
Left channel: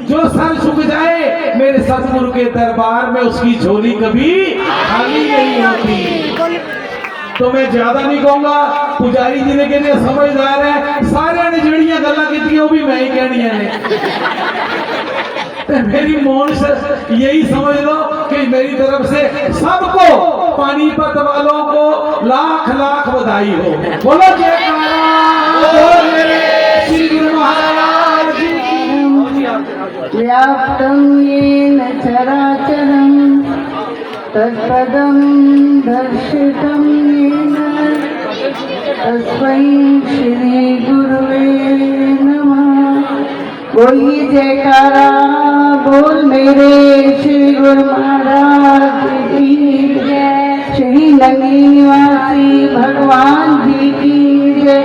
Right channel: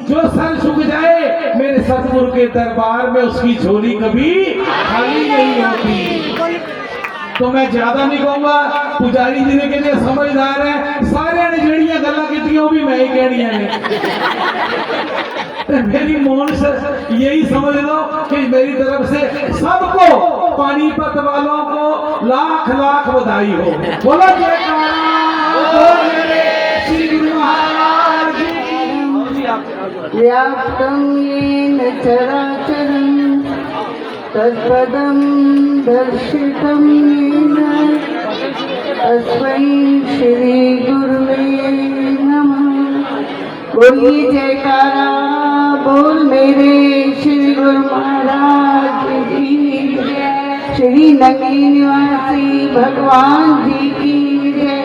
जो सर झुक जाए मेरे सतगुरु के दरबार में, उसकी झोली कभी खाली नहीं होती। तो मैं ज्यादा नहीं कहूंगा, पुजारी जी ने कहने समझदार है, सारे ने जड़ियां गल्ला की वो भी मैं ही कहनिया ने। मेरी मोन से यही समझ लो कि मेरी तरफ से सबको, पानीपत वालों को लाख लाख बधाई हो। बोलो जयकारा बोल मेरे श्री गुरु महाराज जी की। व्याप्तं येन चराचरं तत्पदं दर्शितं येन तस्मै श्री गुरुवे नमः। बोलिए जयकारा बोल मेरे श्री गुरु महाराज की जय। श्री नगरी निवासी भगवान जी की जय।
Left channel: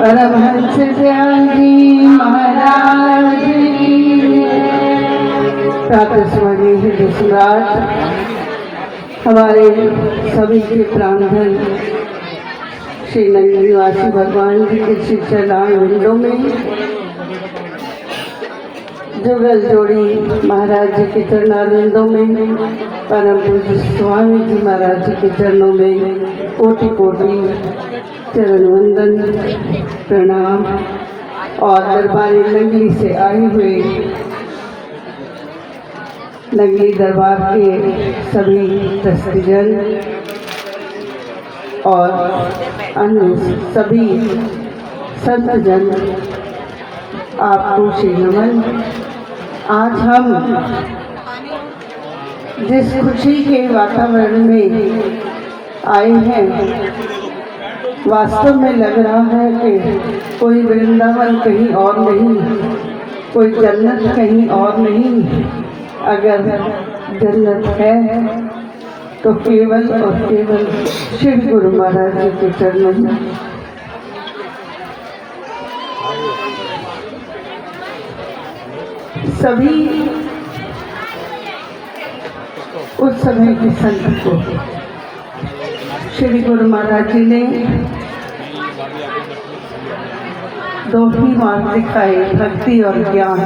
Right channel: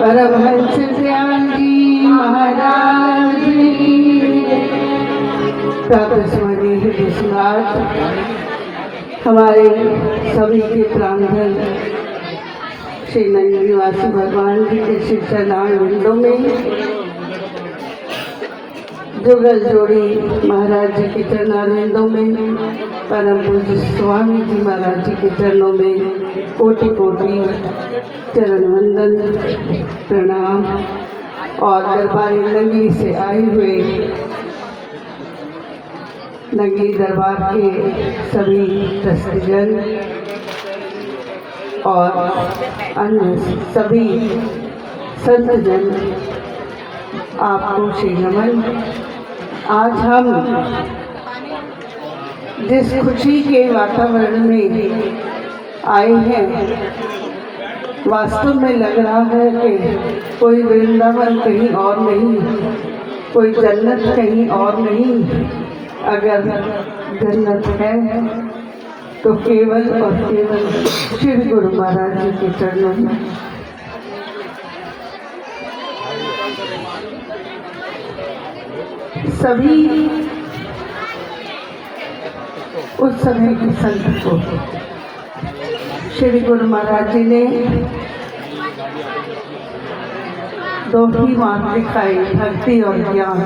परमहंस दयाल जी महाराज की जय। प्रातः समय हृदय सम्राट हमारे सभी के प्राणधन श्री नगरी निवासी भगवान जी के श्री चरण विंदों में जुगल जोड़ी महाराज जी के चरणारविंदों में परम पूज्य स्वामी जी महाराज जी के चरणों में कोटि कोटि चरण वंदन प्रणाम। और दरबारी नगरी से आए हुए नगरी दरबार के सभी ट्रस्टीजन और अन्य सभी संतजन आपको श्री नमन। आज हम जिस खुशी के वातावरण में आए हैं, वास्तव में लग रहा है कि कोई वृंदावन कहीं और नहीं, कोई जन्नत कहीं और नहीं। अगर जन्नत है तो केवल और केवल श्री गुरु महाराज जी के चरणों में। सभी उस समय के संत को श्री गुरु महाराज जी ने दो ही मार्ग दिखाए, भक्ति और ज्ञान,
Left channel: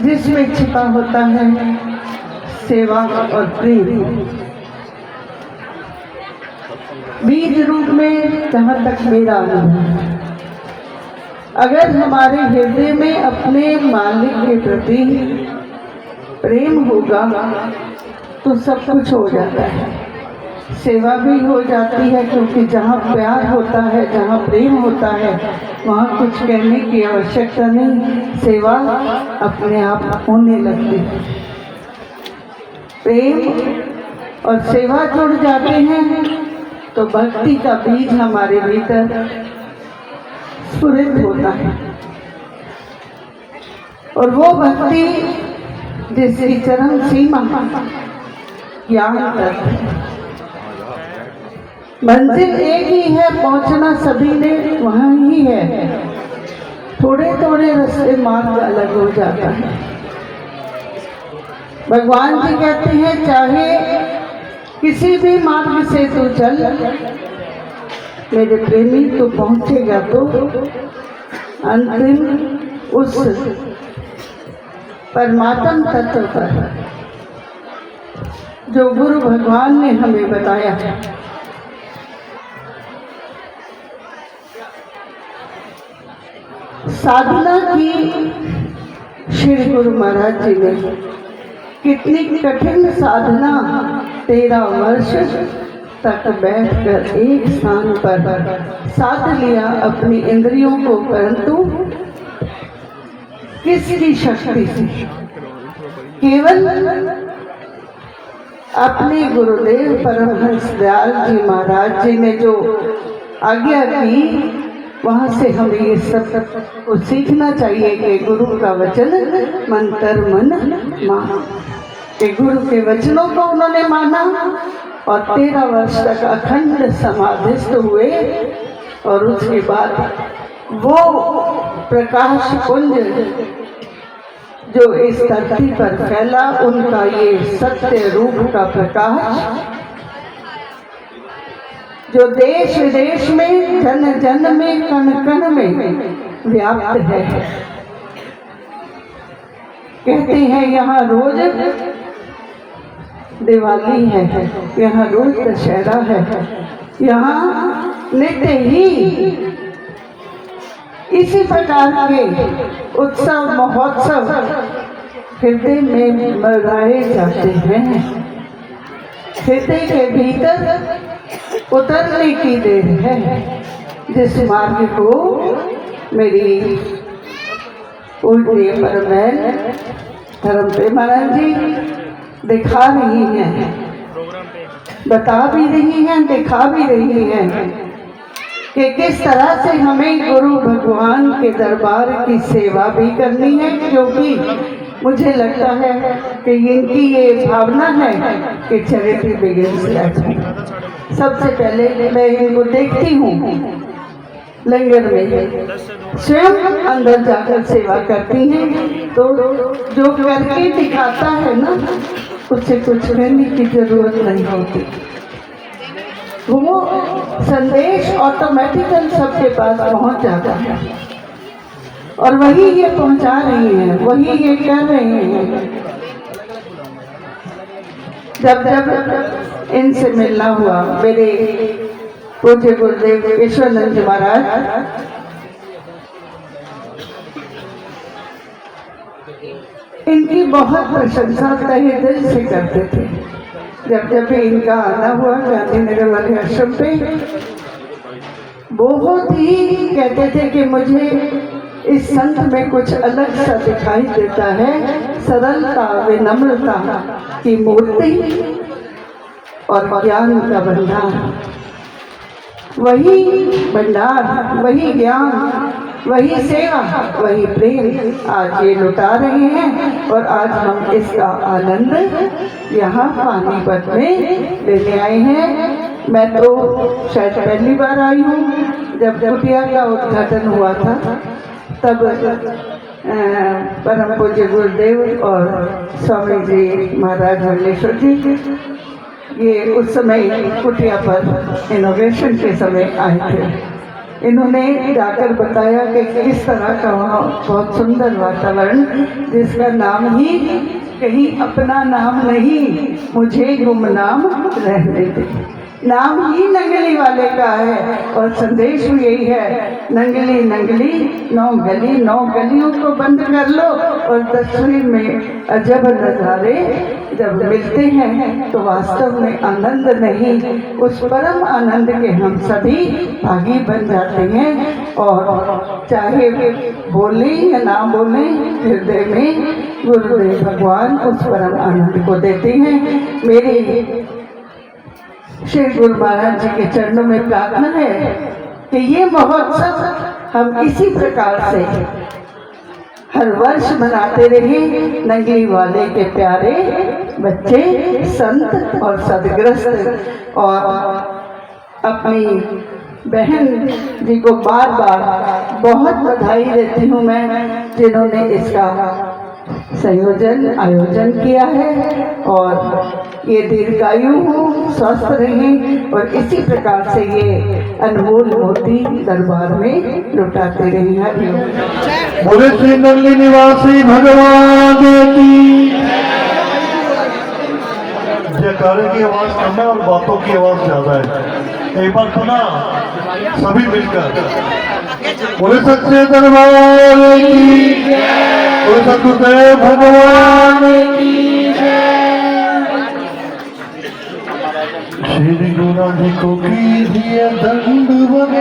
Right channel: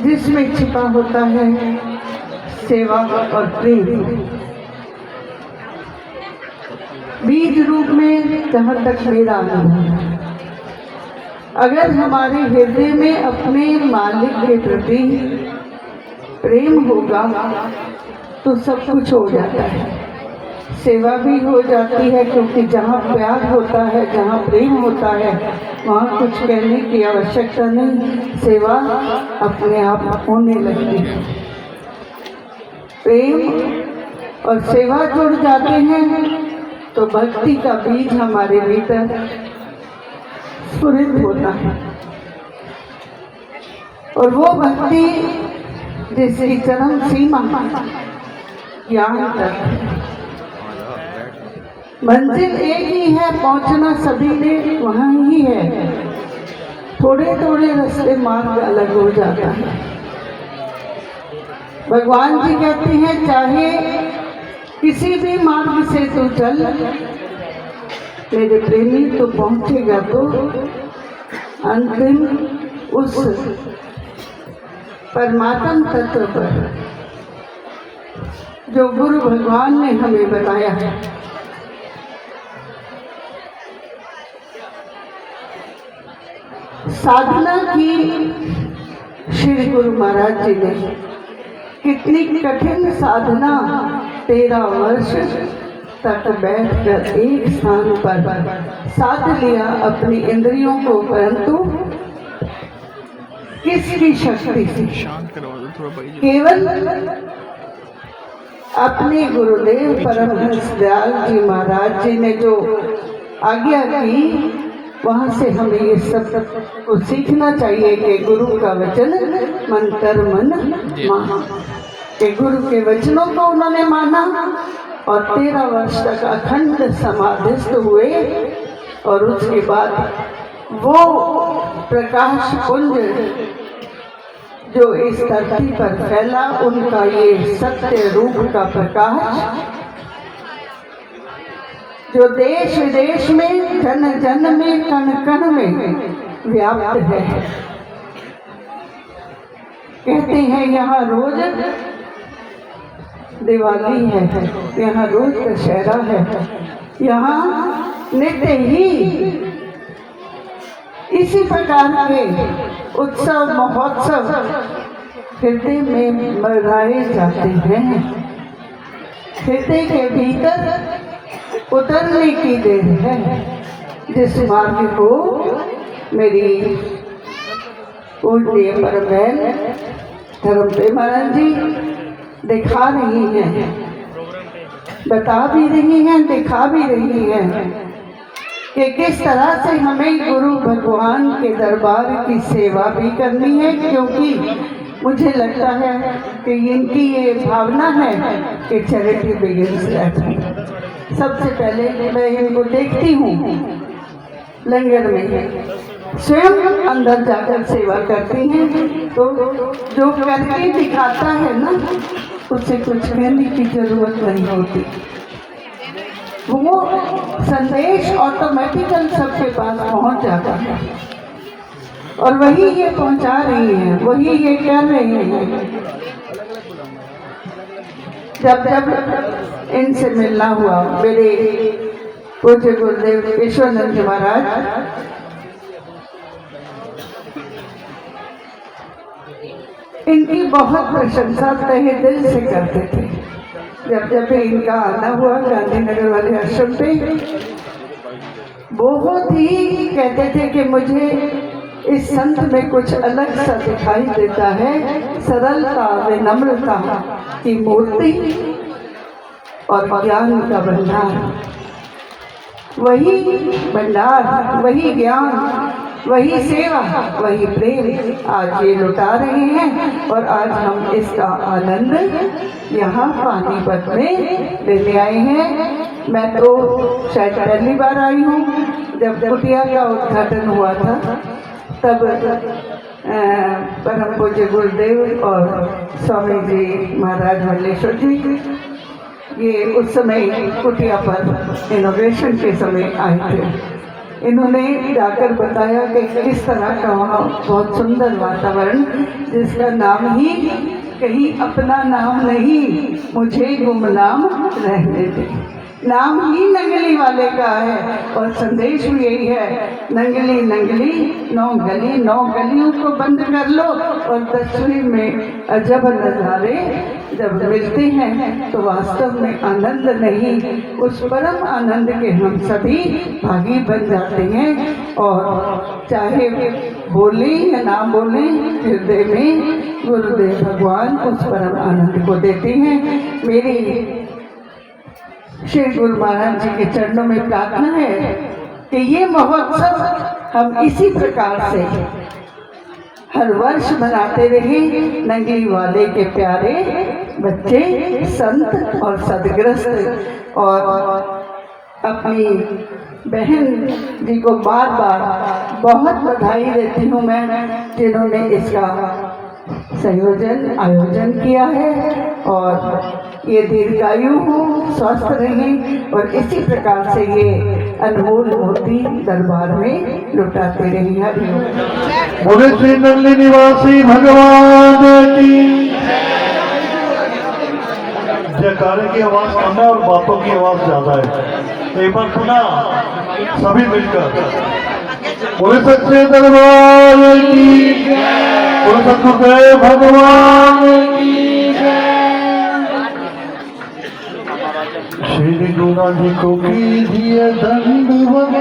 जिसमें छिपा होता है सेवा और प्रेम। बीज रूप में जहाँ तक मेरा अनुभव है, अगर हमारे हृदय में अपने मालिक के प्रति प्रेम होगा तो सब कुछ हो जाता है। सेवा भी हो जाती है, क्योंकि जहाँ प्यार होता है, जहाँ प्रेम होता है, वहाँ कुछ कहने की आवश्यकता नहीं, सेवा अपने आप होने लगती है। प्रेम और सेवा जुड़ जाते हैं तो भक्ति का बीज हमारे भीतर स्फुरित होता है। और वो भक्ति जिसकी चरम सीमा ज्ञान तक, मंजिल एक ही है, पहुंचना सभी ने वहाँ ही है। थोड़े थोड़े रास्ते मार्ग अलग हो जाता है। भगवान जी कहते हैं चाहे किसी भी मार्ग से तू चल मेरे प्रेमी, तो पहुंचेगा तो अंतिम उस परमात्म तत्व पर जो गुरु भगवान ने हमें बताया है। साधना की श्री गुरु महाराज जी ने कितनी कठिन साधना 13 वर्ष तक बैठकर एक स्थान पर साध लिया अपनी इंद्रियों को, परंतु किसकी शक्ति से? केवल अपने गुरुदेव परमहंस दयाल जी महाराज जी ने जो आज्ञा की, वहाँ से हमें ये सब को सीखना चाहिए कि गुरु का वचन मन तन मन मान। कि गुरु के वचनों को उन्होंने माना और 13 वर्ष तक अखंड समाधिस्थ हुए। और उसके बाद वो प्रकाश पुंज जो इस धरती पर फैला, उनका ये सत्य रूप का प्रकाश जो देश विदेश में, जन जन में, कण कण में व्याप्त है। कहते हैं यहाँ रोज दिवाली है, यहाँ रोज दशहरा है, यहाँ नित्य ही इसी प्रकार के उत्सव महोत्सव हृदय में मनाए जाते हैं। हृदय के भीतर उतरने की देर है, जिस मार्ग को मेरी पूज्य परम धर्म पे महाराज जी दिखा रही हैं। बता भी रही हैं, दिखा भी रही हैं कि किस तरह से हमें गुरु भगवान के दरबार की सेवा भी करनी है, क्योंकि मुझे लगता है कि इनकी ये भावना है कि चैरिटी बिगिंस एट होम। सबसे पहले मैं इनको देखती हूँ लंगर में, स्वयं अंदर जाकर सेवा करती हैं, तो जो करके दिखाता है ना, उसे कुछ कहने की जरूरत नहीं होती। वो संदेश ऑटोमेटिकल सबके पास पहुंच जाता है, और वही ये पहुंचा रही है, वही ये कह रहे हैं। जब जब इनसे मिलना हुआ, मेरे पूज्य गुरुदेव ईश्वरानंद जी महाराज इनकी बहुत प्रशंसा तहे दिल से करते थे। जब जब भी इनका आना हुआ गांधीनगर वाले आश्रम पे, बहुत ही कहते थे कि मुझे इस संत में कुछ अलग सा दिखाई देता है, सरलता विनम्रता की मूर्ति और ज्ञान का भंडार। वही भंडार, वही ज्ञान, वही सेवा, वही प्रेम आज ये लुटा रहे हैं, और आज हम इसका आनंद यहाँ पानीपत में लेने आए हैं। मैं तो शायद पहली बार आई हूँ, जब कुटिया का उद्घाटन हुआ था तब परम पूज्य गुरुदेव और स्वामी जी महाराज मल्लेश्वर जी ये उस समय कुटिया पर इनोवेशन के समय आए थे। इन्होंने जाकर बताया कि किस तरह का वहाँ बहुत सुंदर वातावरण, जिसका नाम ही कहीं अपना नाम नहीं, मुझे गुमनाम रहने दे। नाम ही नंगली वाले का है, और संदेश भी यही है, नंगली नंगली 9 गली, 9 गलियों को बंद कर लो, और तस्वीर में अजब नज़ारे जब मिलते हैं तो वास्तव में आनंद नहीं, उस परम आनंद के हम सभी भागी बन जाते हैं। और चाहे बोले या ना बोले, हृदय में गुरुदेव भगवान उस परम आनंद को देते हैं। मेरी श्री गुरु महाराज जी के चरणों में प्रार्थना है कि ये महोत्सव हम इसी प्रकार से हर वर्ष मनाते रहे। नंगली वाले के प्यारे बच्चे, संत और सदग्रस्त, और अपनी बहन जी को बार बार बहुत बधाई देती हूँ मैं, जिन्होंने इसका आयोजन किया है, और ये दीर्घायु हो, स्वस्थ रहें, और इसी प्रकार से ये अनमोल मोती दरबार में लुटाते रहें। हरिओम। बोले श्री नंगली निवासी भगवान की। जयकारे की आवाज कम है और बातों की आवाज ज्यादा है। एक बार सुना सभी मिलकर, बोले सच्चे दरबार की, बोले सतगुरुदेव भगवान की। श्री गुरु जी को कीजिए दंडवत,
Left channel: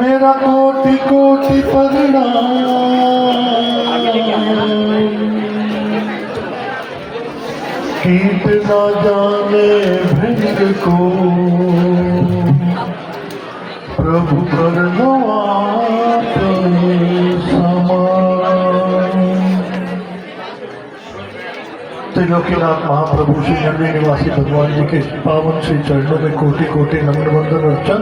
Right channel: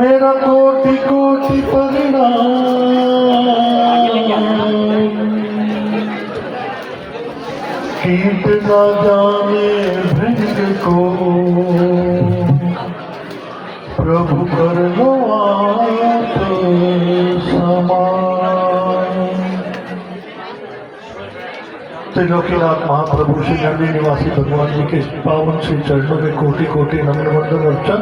मेरा कोटि कोटि प्रणाम। कीट न जाने भृंग को, प्रभु कर लो आप समान। त्रिलोकीनाथ महाप्रभु श्री नंगली निवासी भगवान जी के पावन श्री चरणों में कोटि कोटि नमन वंदन अर्चन।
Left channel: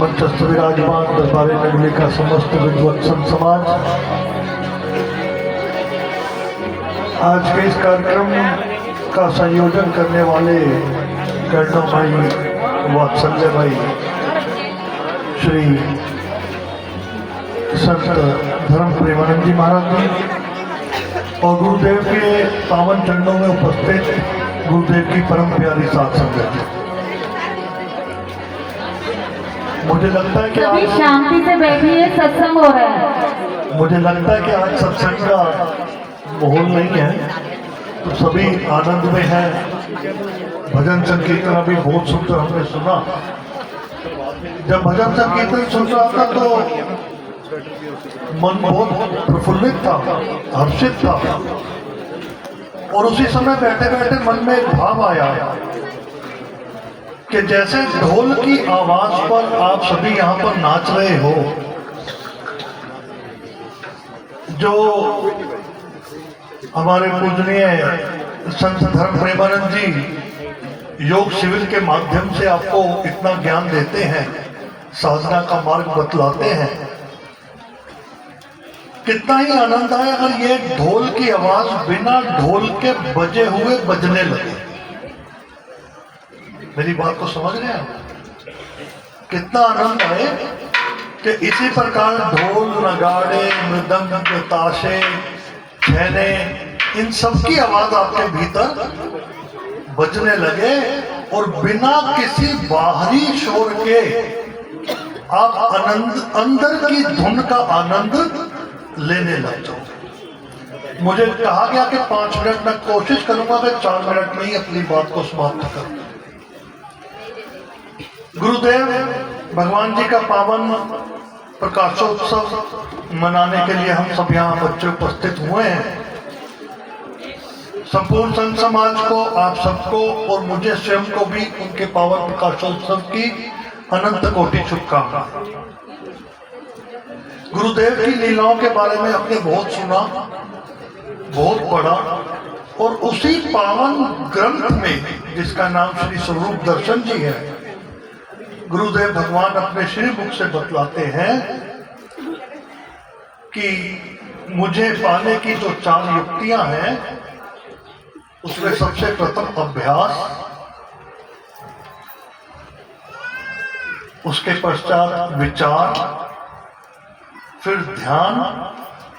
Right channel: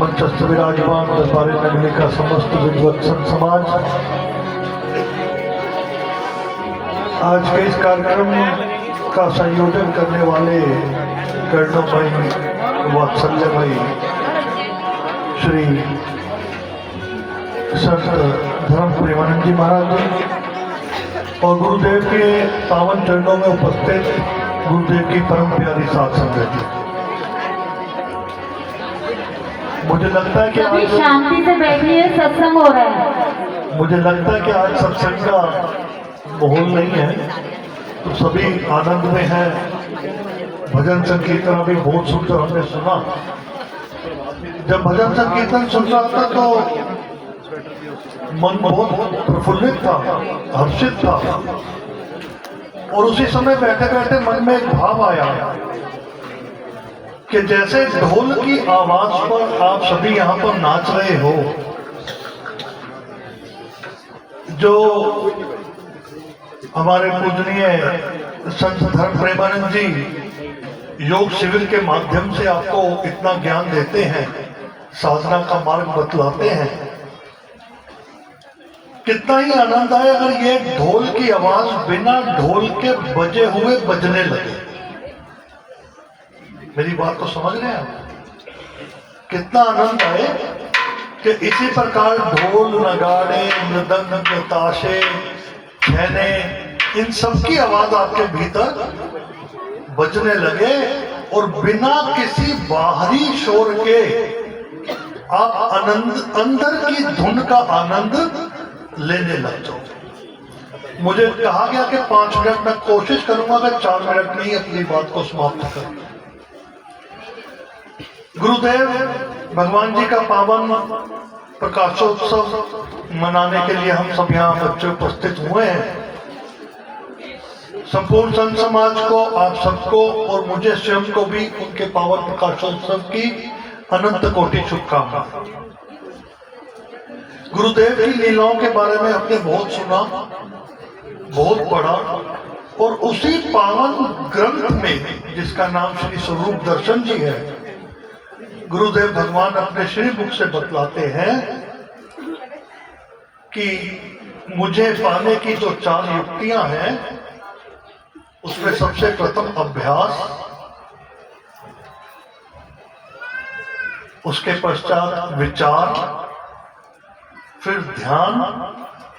मंचस्थ विराजमान दरबारे नंगली का समस्त विद्वत्सन समाज, आज के इस कार्यक्रम का संयोजन करने वाले कर्णो भाई, वात्सल्य भाई, श्री संत धर्म प्रेमानंद जी महाराज जी, और गुरुदेव के पावन चरणों में उपस्थित गुरुदेव की परम प्यारी साथ संगत जी। मुझे लगता है कि सभी आज शांति से बैठिए, सत्संग हो रहा है। मुझे लगता है कि आज सत्संग का माहौल नहीं है, तो सभी आनंद में हैं। भजन संकीर्तन अभी बहुत सुंदर हमने सुना। जब भजन संकीर्तन सुन रहा था तो मन बहुत प्रफुल्लित था, हर्षित था। और उसी समय बैठे बैठे मन में एक भाव आया कि जैसे ढोल की आवाज पर आप सभी यहाँ पर नाच रहे हो, जो हमारे पूजनीय संत धर्म प्रेमानंद जी योग शिविर के माध्यम से आपको इतना ज्ञान देते हैं, साधना का मार्ग बतलाते हैं, कितना ही आनंद आए अगर ये ढोल की आवाज बिना ढोल के बजे हुए बजने लगे। मेरी बात को समझ रहे हैं आप? कितना आनंद आए कि इसी प्रकार ढोल, नगाड़े, मृदंग, ताशे, छैने, इन सब की आवाज आपके भीतर बजने लगे और बिना किसी बाहरी शोर के आप आनंद, अंदर की धुन का आनंद लेने लग जाओ। मुझे कहा गया कि 5 मिनट में कोशिश करूंगा कि 4 मिनट में ही अपनी बात को समाप्त कर। गुरुदेव भगवान जी का पावन प्रकाशोत्सव मनाने के लिए हम सब यहाँ बच्चे उपस्थित हुए हैं। संपूर्ण संत समाज को, आप सबको और मुझे स्वयं को भी उनके पावन प्रकाशोत्सव की अनंत कोटि शुभकामनाएं। गुरुदेव की लीलाओं के बारे में आपने बहुत सुना, बहुत पढ़ा, और उसी पावन ग्रंथ में जिसका नाम श्री स्वरूप दर्शन जी है, गुरुदेव भगवान अपने श्री मुख से बतलाते हैं कि मुझे पाने की जो 4 युक्तियां हैं, उसमें सबसे प्रथम अभ्यास, उसके पश्चात विचार, फिर ध्यान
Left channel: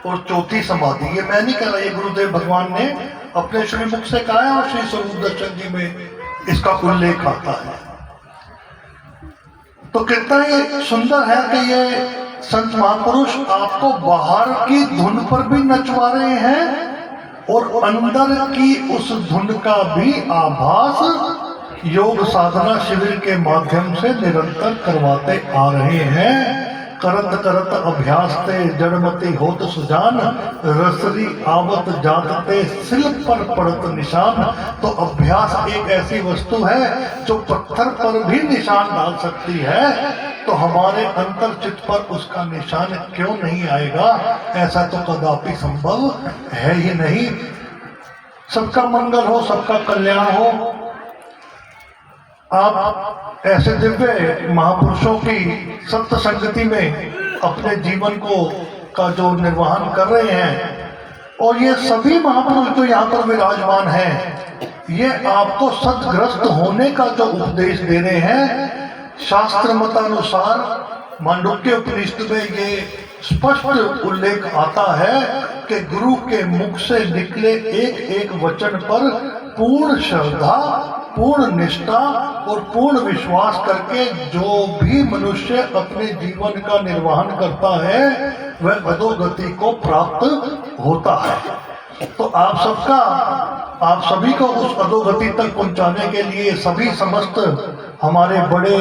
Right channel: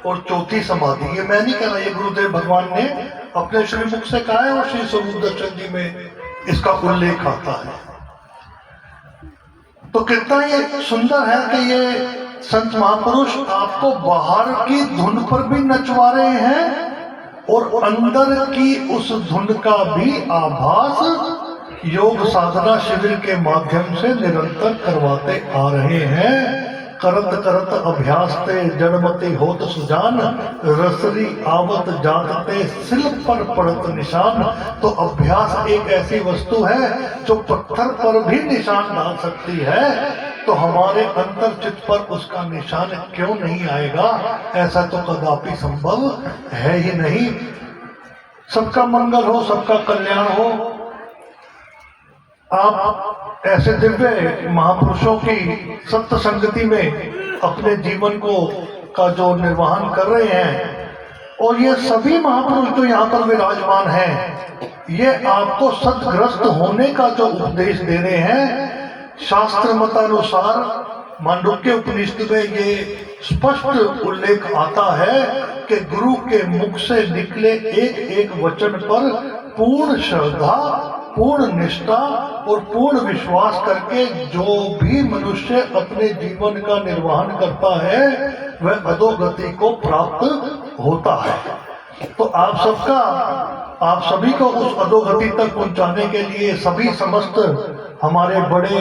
और चौथी समाधि। ये मैं नहीं कह रहा, ये गुरुदेव भगवान ने अपने श्री मुख से कहा है और श्री स्वरूप दर्शन जी में इसका उल्लेख आता है। तो कितना ये सुंदर है कि ये संत महापुरुष आपको बाहर की धुन पर भी नचवा रहे हैं और अंदर की उस धुन का भी आभास योग साधना शिविर के माध्यम से निरंतर करवाते आ रहे हैं। करत करत अभ्यास ते जड़मती होत सुजान, रसरी आवत जात पे सिल पर पड़त निशान। तो अभ्यास एक ऐसी वस्तु है जो पत्थर पर भी निशान डाल सकती है, तो हमारे अंतर चित्त पर उसका निशान क्यों नहीं आएगा? ऐसा तो कदापि संभव है ही नहीं। सबका मंगल हो, सबका कल्याण हो। आप ऐसे दिव्य महापुरुषों की संत संगति में अपने जीवन को का जो निर्वहन कर रहे हैं, और ये सभी महापुरुष जो यहाँ पर विराजमान हैं, ये आपको सद्ग्रस्त होने का जो उपदेश दे रहे हैं। शास्त्र मतानुसार मांडुक्य उपनिषद में ये स्पष्ट उल्लेख आता है कि गुरु के मुख से निकले एक एक वचन पर पूर्ण श्रद्धा, पूर्ण निष्ठा और पूर्ण विश्वास करके जो भी मनुष्य अपने जीवन का निर्वहन करता है, वह अधोगति को प्राप्त होता है। तो आप सभी को उस अधोगति तक पहुंचाने के लिए सभी समस्त हमारे बड़े,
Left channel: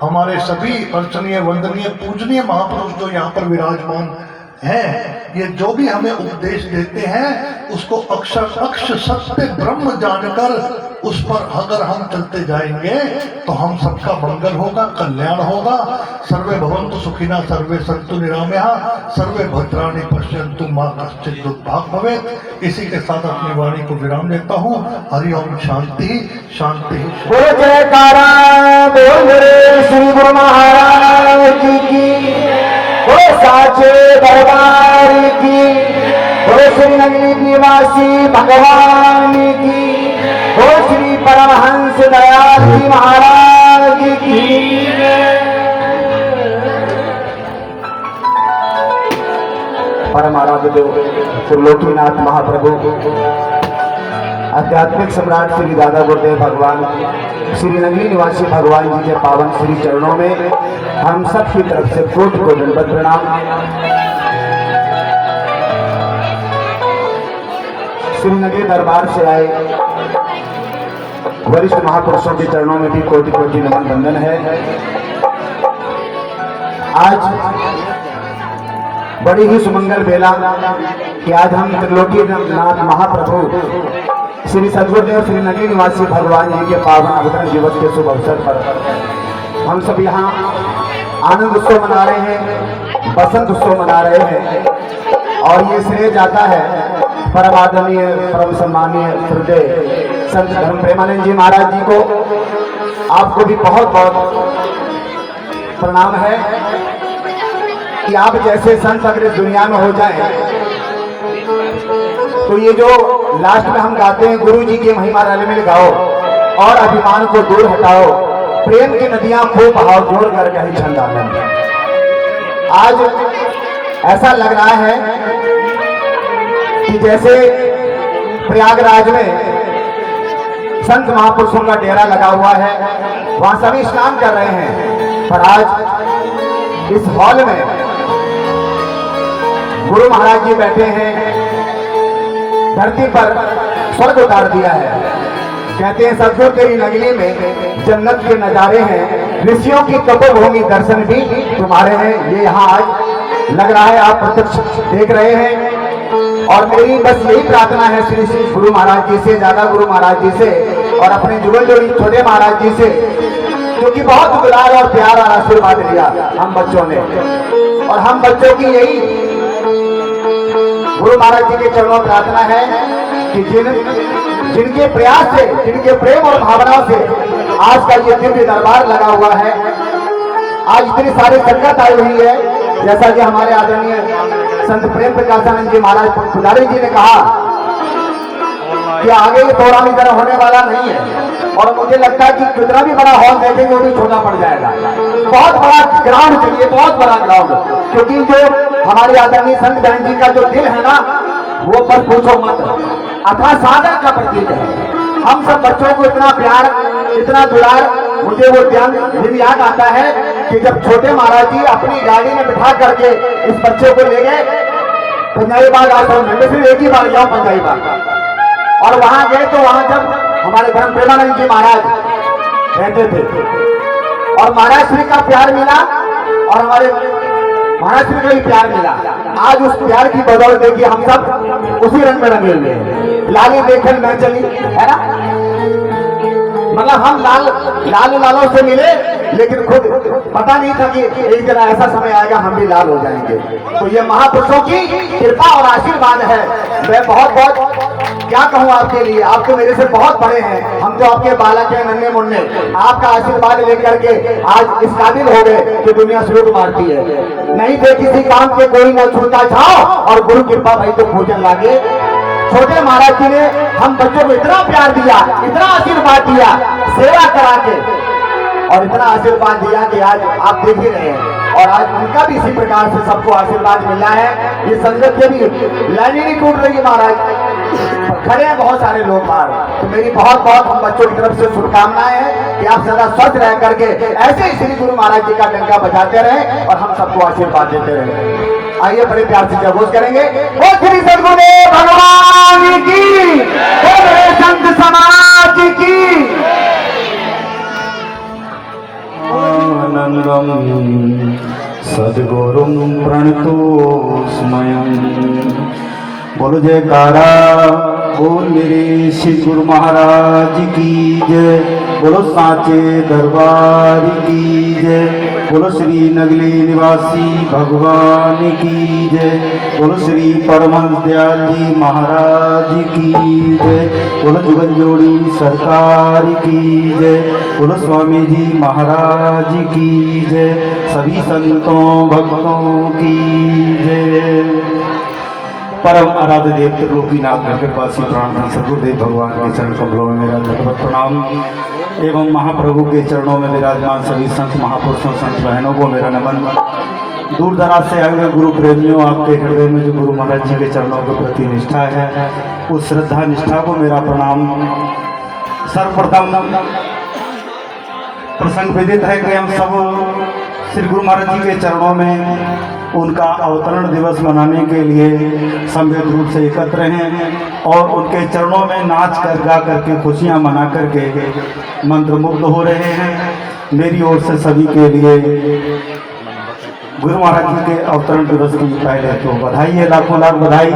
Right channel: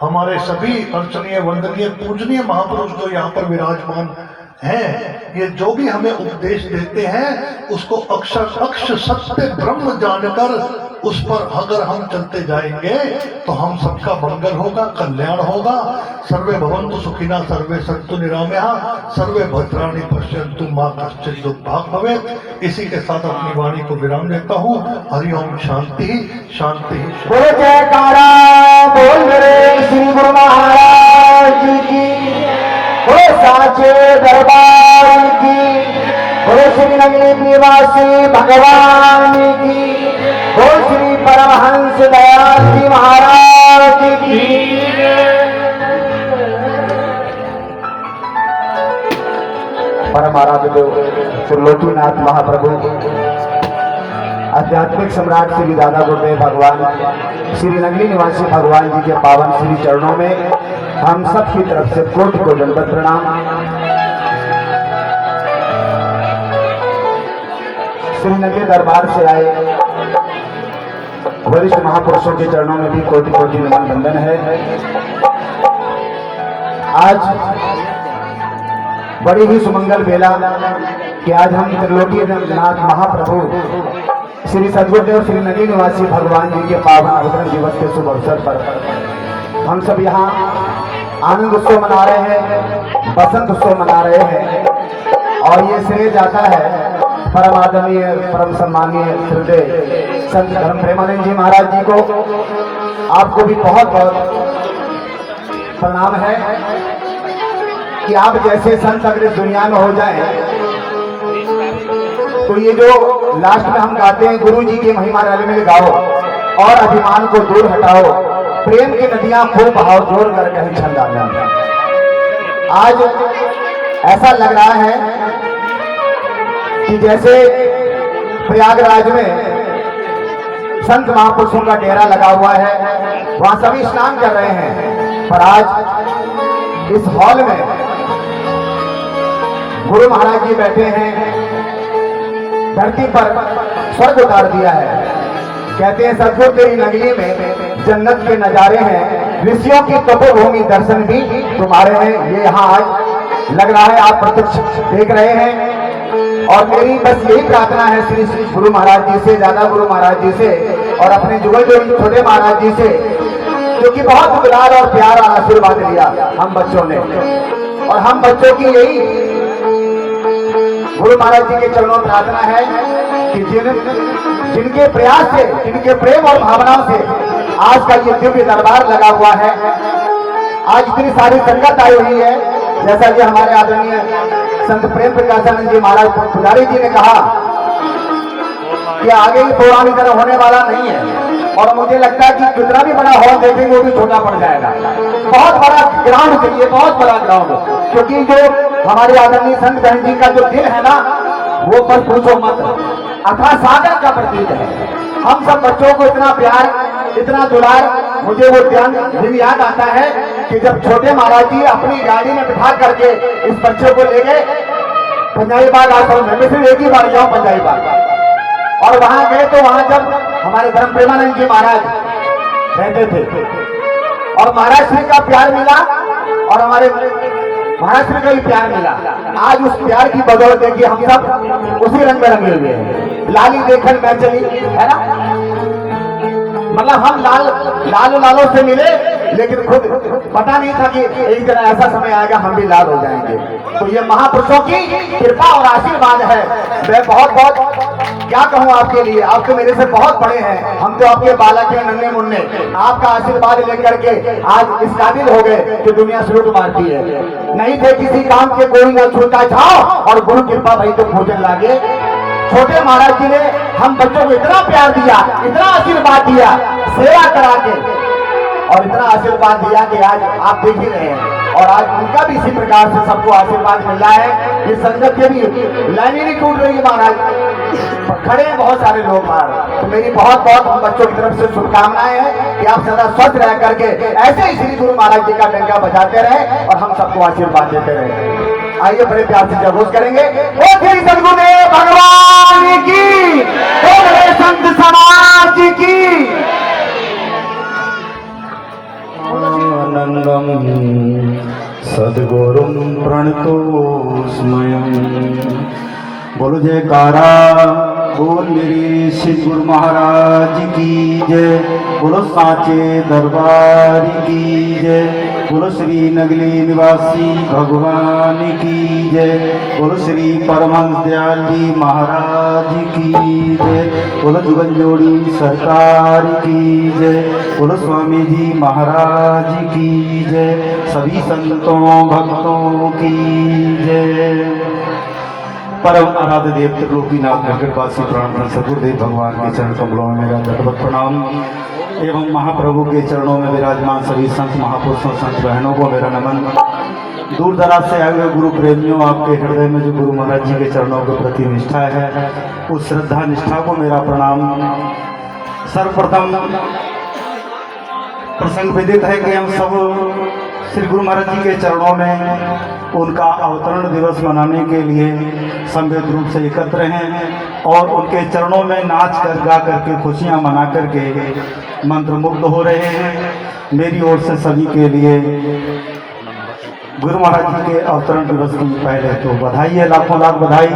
हमारे सभी अर्चनीय, वंदनीय, पूजनीय महापुरुष जो यहाँ पर विराजमान हैं, ये जो भी हमें उपदेश देते हैं उसको अक्षर अक्ष सत्य ब्रह्म जानकर उस पर अगर हम चलते जाएंगे तो हम सबका मंगल होगा, कल्याण होगा। सर्वे भवन्तु सुखिनः, सर्वे सन्तु निरामयाः, सर्वे भद्राणि पश्यन्तु मा कश्चित् दुर्भाग् भवेत्। इसी के साथ अपनी वाणी को विराम देता हूँ। हरिओम, शांति शांति। बोलो जयकारा, बोल रे श्री गुरु महाराज की, बोलो साचे दरबार की, बोलो श्री नगरी निवासी भगवान की, बोलो श्री परमहंस दयाल जी महाराज की। परम आराध्य त्रिलोकीनाथ महाप्रभु, आध्यात्मिक सम्राट श्री दादा गुरुदेव भगवान, श्री नगरी निवासी भगवान जी के पावन श्री चरणों में हम सब की तरफ से कोटि को दंडवत प्रणाम। श्री नगरी दरबार से आए वरिष्ठ महापुरुषों के चरणों में भी कोटि कोटि नमन बंदन है। आज बड़ी ही सुमंगल बेला कि आज हम त्रिलोकीनाथ महाप्रभु श्री सद्गुरुदेव श्री नगरी निवासी भगवान जी के पावन अवतरण दिवस के शुभ अवसर पर हम सब यहाँ आनंद उत्सव मना रहे हैं, बसंत उत्सव मना रहे हैं। और ये श्रेय जाता है परम आदरणीय परम सम्मानीय श्रद्धेय संत धर्म प्रेमानंद जी महाराज जी को। आपको भी बहुत बहुत प्रणाम है कि आप जैसे संत अगर इस दुनिया में हो जाए तो ये जो लास्ट में हम गाते हैं, गुरु जी की महिमा रल मिल गाओ और अभिमान को दूर हटाओ, प्रेम की नदियां खूब बहाओ, जोर करके हरी छंद आना। आज ऐसा लग रहा है कि जैसे प्रयागराज में संत महापुरुषों का डेरा लगा हुआ है, वहां सभी स्नान कर रहे हैं, पर आज इस हॉल में गुरु महाराज जी बैठे हैं, धरती पर स्वर्ग उतार दिया है। कहते हैं सदगुरु तेरी नगरी में जन्नत के नजारे हैं, ऋषियों की तपोभूमि दर्शन भी तुम्हारे हैं। ये यहाँ आज लग रहा है, आप प्रत्यक्ष देख रहे हैं। और मेरी बस यही प्रार्थना है श्री श्री गुरु महाराज जी से, ज्यादा गुरु महाराज जी से और अपने जुगल जोड़ी छोटे महाराज जी से, क्योंकि बहुत दुलार और प्यार और आशीर्वाद लिया हम बच्चों ने। और हम बच्चों की यही गुरु महाराज जी के चरणों प्रार्थना है कि जिनके प्रयास से, जिनके प्रेम और भावनाओं से आज का ये दिव्य दरबार लगा हुआ है, आज इतनी सारी संगत आई हुई है। जैसा कि हमारे आदरणीय संत प्रेम प्रकाशानंद जी महाराज पुजारी जी ने कहा कि आगे ये प्रोग्राम इधर होने वाला नहीं है, और मुझे लगता है कि कितना भी बड़ा हॉल देखेंगे वो भी छोटा पड़ जाएगा। बहुत बड़ा ग्राउंड चाहिए, बहुत बड़ा ग्राउंड, क्योंकि जो हमारे आदरणीय संत बहन जी का जो दिल है ना, वो पर पूछो मत, अथाह सागर का प्रतीक है। हम सब बच्चों को इतना प्यार, इतना दुलार, मुझे वो दिन याद आता है कि जब छोटे महाराज जी अपनी गाड़ी में बिठा करके इस बच्चे को ले गए पंजाबी बाग आश्रम में, सिर्फ एक ही बार गया पंजाबी बाग, और वहां गए तो वहां जब हमारे धर्म प्रेमानंद जी महाराज रहते थे और महाराज श्री का प्यार मिला और हमारे महाराज श्री का भी प्यार मिला। आज उस प्यार की बदौलत है कि हम सब उसी रंग में रंगे हुए हैं। लाली देखन मैं चली, है ना, मतलब हम लालों से मिले, लेकिन खुद पता नहीं था कि एक दिन ऐसा समय आएगा हम भी लाल हो जाएंगे। तो ये महापुरुषों की कृपा और आशीर्वाद है। मैं बहुत बहुत क्या कहूँ आपके लिए, आप तो मेरे से बहुत बड़े हैं, हम तो आपके बालक हैं, नन्हे मुन्ने। आपका आशीर्वाद लेकर के आज इस काबिल हो गए कि दुनिया सलूट मारती है। नहीं थे किसी काम के कोई न छूटा छाओ, और गुरु कृपा भाई तो भोजन लागे। छोटे महाराज जी ने हम बच्चों को इतना प्यार दिया, इतना आशीर्वाद दिया, सेवा करा के, और इतना आशीर्वाद दिया कि आज आप देख ही रहे हैं। और आज उनका भी इसी प्रकार से सबको आशीर्वाद मिल रहा है। ये संगत के भी लाइनें नहीं टूट रही है, महाराज खड़े हैं बहुत सारे लोग बाहर। तो मेरी बहुत बहुत हम बच्चों की तरफ से शुभकामनाएं हैं कि आप सदा स्वस्थ रह करके ऐसे ही श्री गुरु महाराज जी का डंका बजाते रहे और हम सबको आशीर्वाद देते रहे। आइए बड़े प्यार से जयघोष करेंगे, ओ श्री सद्गुरुदेव भगवान की, ओ मेरे संत समाज की। आनंदम सद्गुरुं प्रणतोस्मयं। बोलो जयकारा, बोल मेरे श्री गुरु महाराज की जय, बोलो साचे दरबार की जय, बोलो श्री नगली निवासी भगवान की जय, बोलो श्री परमहंस दयाल जी महाराज की जय, बोलो जुगल जोड़ी सरकार की जय, बोलो स्वामी जी महाराज की जय, सभी संतों भक्तों की जय। परम आराध्य देव त्रिलोकीनाथ नगरवासी प्राण सद्गुरुदेव भगवान के चरण कमलों में मेरा दंडवत प्रणाम एवं महाप्रभु के चरणों में विराजमान सभी संत महापुरुषों, संत बहनों को मेरा नमन। दूर दराज से आए हुए गुरु प्रेमियों, आपके हृदय में जो गुरु महाराज जी के चरणों के प्रति निष्ठा है, उस श्रद्धा निष्ठा को मेरा प्रणाम। सर्वप्रथम प्रसंग विदित है कि हम सब श्री गुरु महाराज जी के चरणों में उनका अवतरण दिवस मनाने के लिए संवेद रूप से एकत्र हैं और उनके चरणों में नाच कर गा करके खुशियां मना करके मंत्रमुग्ध हो रहे हैं। मेरी ओर से सभी के लिए गुरु महाराज जी के अवतरण दिवस की पहले तो बधाई है, लाखों लाख बधाई।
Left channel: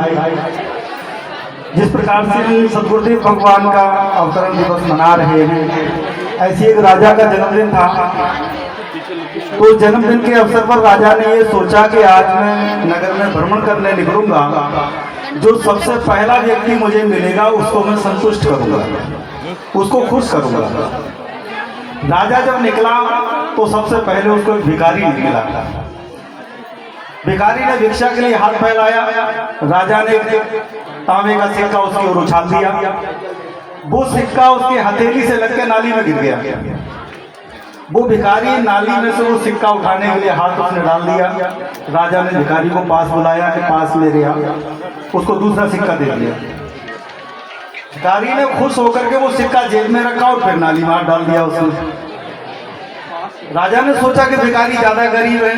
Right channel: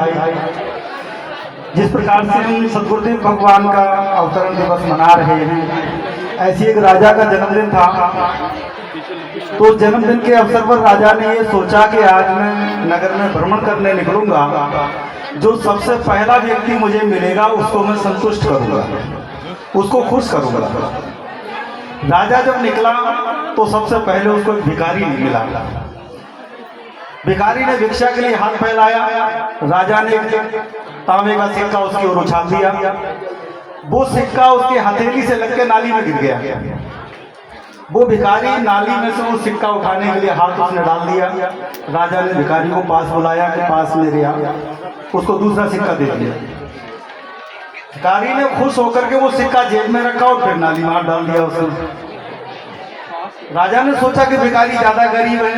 जिस प्रकार से हम सदगुरुदेव भगवान का अवतरण दिवस मना रहे हैं, ऐसी एक राजा का जन्मदिन था। तो जन्मदिन के अवसर पर राजा ने ये सोचा कि आज मैं नगर में भ्रमण करने निकलूंगा, जो सबसे पहला व्यक्ति मुझे मिलेगा उसको मैं संतुष्ट करूंगा, उसको खुश करूंगा। राजा जब निकला तो सबसे पहले उसको एक भिखारी मिला। भिखारी ने भिक्षा के लिए हाथ फैलाया। राजा ने एक तांबे का सिक्का उसकी ओर उछाल दिया। वो सिक्का उसकी हथेली से लग के नाली में गिर गया। वो भिखारी नाली में से वो सिक्का उठाने के लिए हाथ उसने डाल दिया। राजा ने भिखारी को पास बुलाया कि पास मेरे आ, उसको दूसरा सिक्का दे दिया। भिखारी ने खुश होकर के वो सिक्का जेब में रखा और फिर नाली में हाथ डाल दिया उसने। राजा ने सोचा कि भिखारी ज्यादा गरीब है,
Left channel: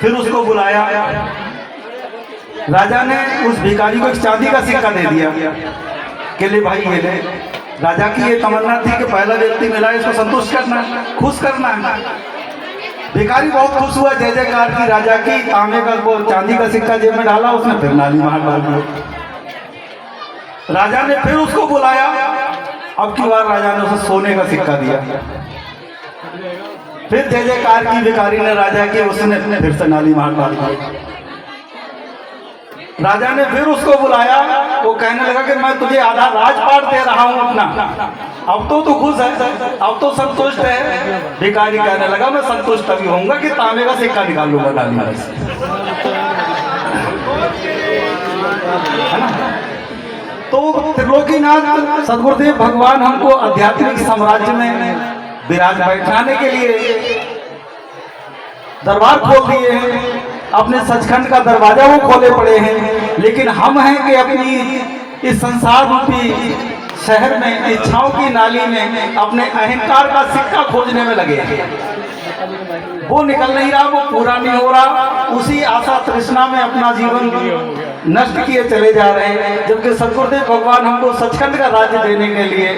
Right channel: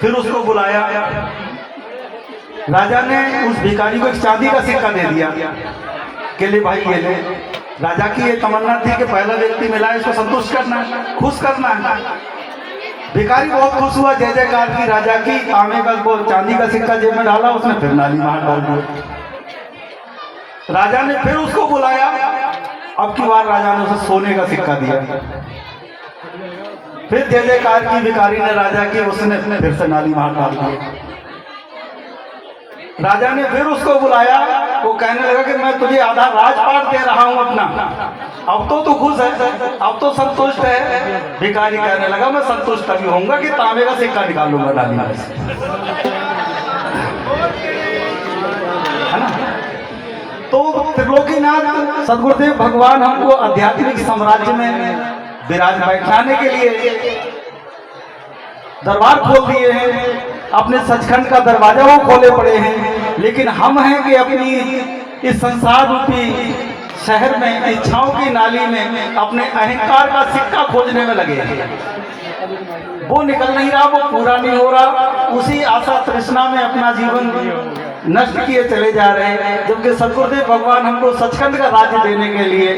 फिर उसको बुलाया। राजा ने उस भिखारी को एक चांदी का सिक्का दे दिया कि ले भाई ये ले। राजा की ये तमन्ना थी कि पहला व्यक्ति मिला है, इसको संतुष्ट करना है, खुश करना है। भिखारी बहुत खुश हुआ, जय जयकार की राजा की। तांबे का वो चांदी का सिक्का जेब में डाला उसने, फिर नाली में हाथ डाल दिया। राजा ने फिर उसको बुलाया। अब की बार राजा ने उसे सोने का सिक्का दिया। फिर जय जयकार की भिखारी ने राजा की, उसने फिर से नाली में हाथ डाल दिया। राजा ने फिर उसको बुलाया। वो कहने लगा कि मैं तुझे आधा राजपाट दे रहा हूं अपना, अब तो तू खुश है, अब तो संतुष्ट है। भिखारी कहने लगा मैं संतुष्ट तभी होऊंगा कि तांबे का सिक्का निकाल लूंगा नाली में से, है ना। तो त्रिलोकीनाथ सदगुरुदेव भगवान हमको आध्यात्मिक साम्राज्य में विराज बैठाने के लिए दरबार खोल दिए हैं। अपने सचखंड का दरवाजा वो खोले पड़े हैं, लेकिन हम हैं कि अपनी इस संसार रूपी शहर में इच्छाओं की नाली में अपने अहंकार का सिक्का खोजने में लगे हैं। वो निकल नहीं रहा, वो पूरा नहीं हो रहा। उसी आशा तृष्णा में अपना जीवन नष्ट किए चले जा रहे हैं, जबकि सदगुरुदेव भगवान हमको सचखंड का राज्य देने के लिए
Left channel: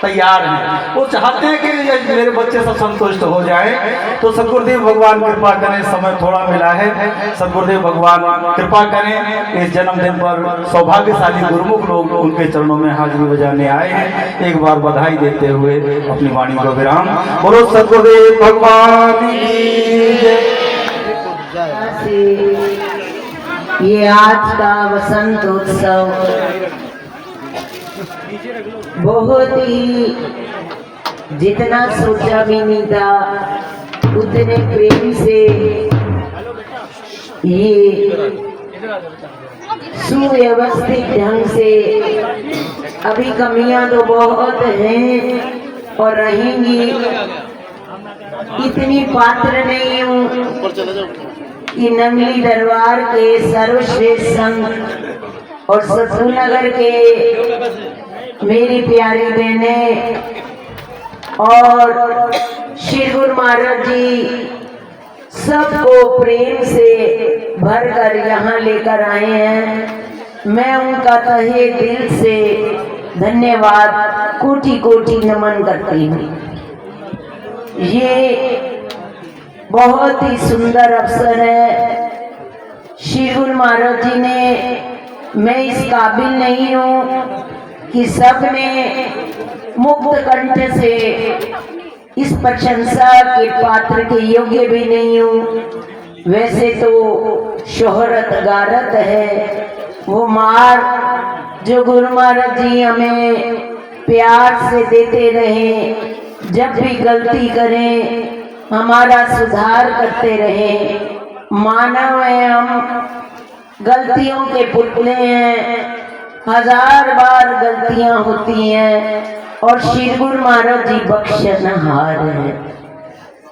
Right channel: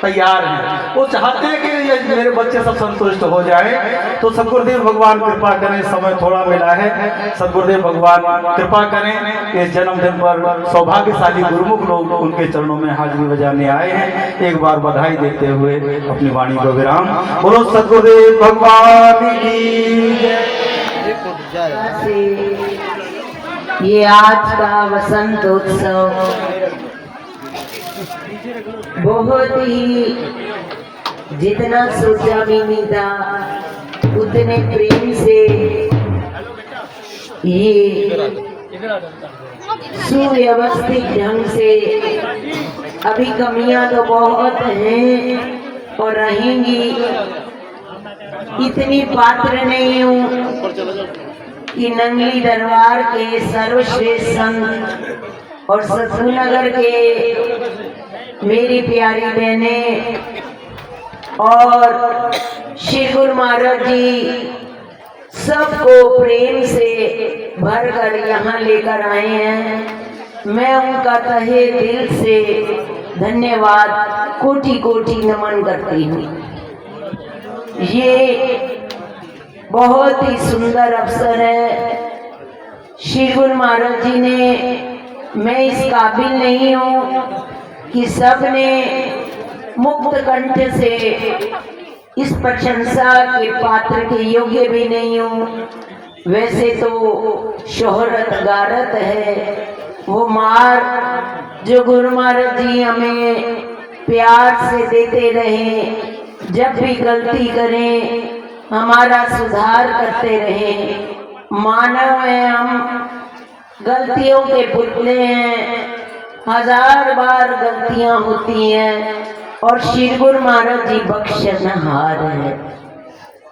तैयार हैं। वो चाहते हैं कि मेरे बच्चे सब संतुष्ट हो जाए। तो सदगुरुदेव भगवान कृपा करें, समय थोड़ा मिला है, सदगुरुदेव भगवान कृपा करें। इस जन्मदिन पर सौभाग्यशाली गुरुमुख लोग उनके चरणों में हाजिरी बजाने आए हैं। एक बार बधाई देते हुए अपनी वाणी को विराम। बोलो सदगुरुदेव भगवान की जय। ये आज का वसंत उत्सव बहुत ही, जितना सोचा भी नहीं था उतने प्रेम से ये सुव्यवस्थित ढंग से, अभी कमियां तो बहुत हैं और रहेंगी, इतनी पात्र नहीं हूँ कि नंगली दरबार के सर्वश्रेष्ठ संत और सतगुरुनगर के मेरी प्यारी बहनें और श्री गुरु महाराज जी सबको प्रेम से भर कर यहाँ लेकर आए हैं। मैं उनका तहे दिल से धन्यवाद, कोटि कोटि नमन करती हूँ। ये बहुत ही सुंदर अवसर है। श्री गुरु महाराज जी ने, मैं इस काबिल नहीं हूँ कि सबने मुक्त कंठ से इस प्रशंसा के पात्र के योग्य भी नहीं हूँ। वैसे तो शोहरत गारत है, वो मार जो गुरु महाराज जी हमें प्यार से देते रहे, जब भी गलती करें हमारा सुधार करते रहे। मानव है हम, गलतियों के पुतले हैं, हजार बार गलतियां होती हैं और श्री गुरु महाराज जी बख्शनहार है।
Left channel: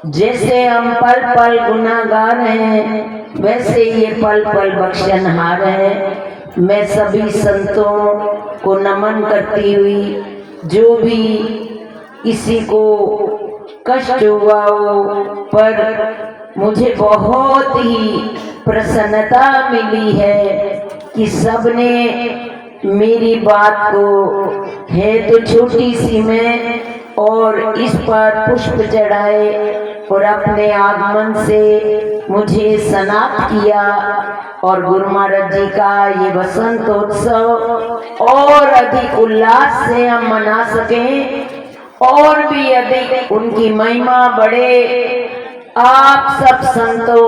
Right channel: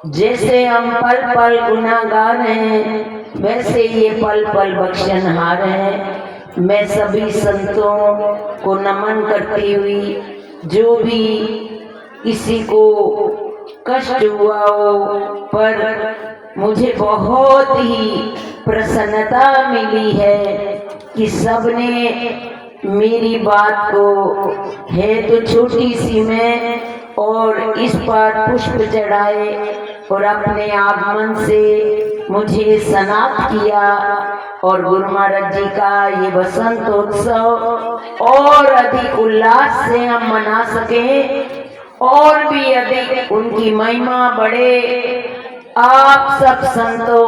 जैसे हम पल पल गुनाहगार हैं, वैसे ये पल पल बख्शनहार है। मैं सभी संतों को नमन करती हुई, जो भी किसी को कष्ट हुआ हो, पर मुझे बहुत ही प्रसन्नता मिली है कि सबने मेरी बात को, है तो छोटी सी मैं, और इस पर पुष्प चढ़ाए और अपने आगमन से मुझे स्नात किया और गुरु महाराज जी का ये बसंतोत्सव और अधिक उल्लास से हम मना सकें और भी अधिक उनकी महिमा बढ़े। आप सब संतों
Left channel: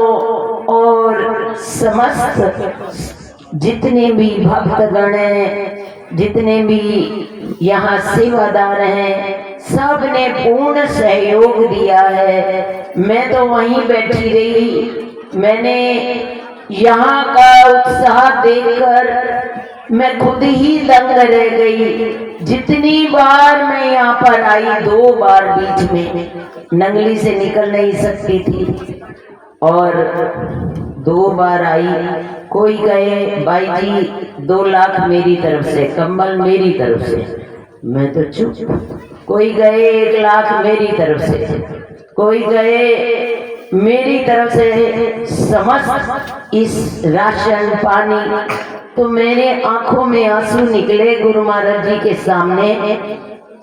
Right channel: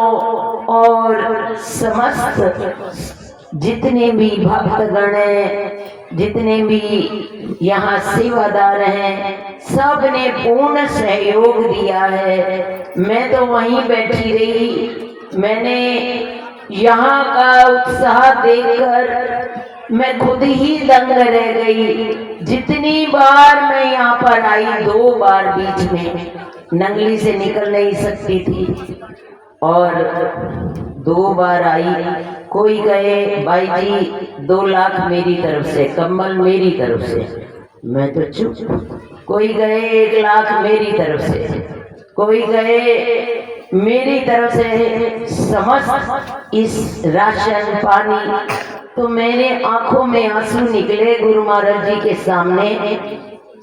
और समस्त जितने भी भक्तगण हैं, जितने भी यहाँ सेवादार हैं, सब ने पूर्ण सहयोग दिया है। मैं तो वहीं बैठी रही, मैंने यहाँ का उत्साह देखकर मैं खुद ही दंग रह गई। जितनी बार मैं यहाँ पर आई, 2 बार बीच में नंगली से निकल नहीं सकती थी और 2 बार आई। कोई कहे भाई जी 2 लाख मेरी तरफ से, कंबल मेरी तरफ से, मैं तो चुप। कोई कहे 1 लाख मेरी तरफ से, कोई कहे मेरी तरफ से समस्त इस राशन पानी। तो मेरे आंखों में आंसू निकले गुरु महाराज जी के सामने।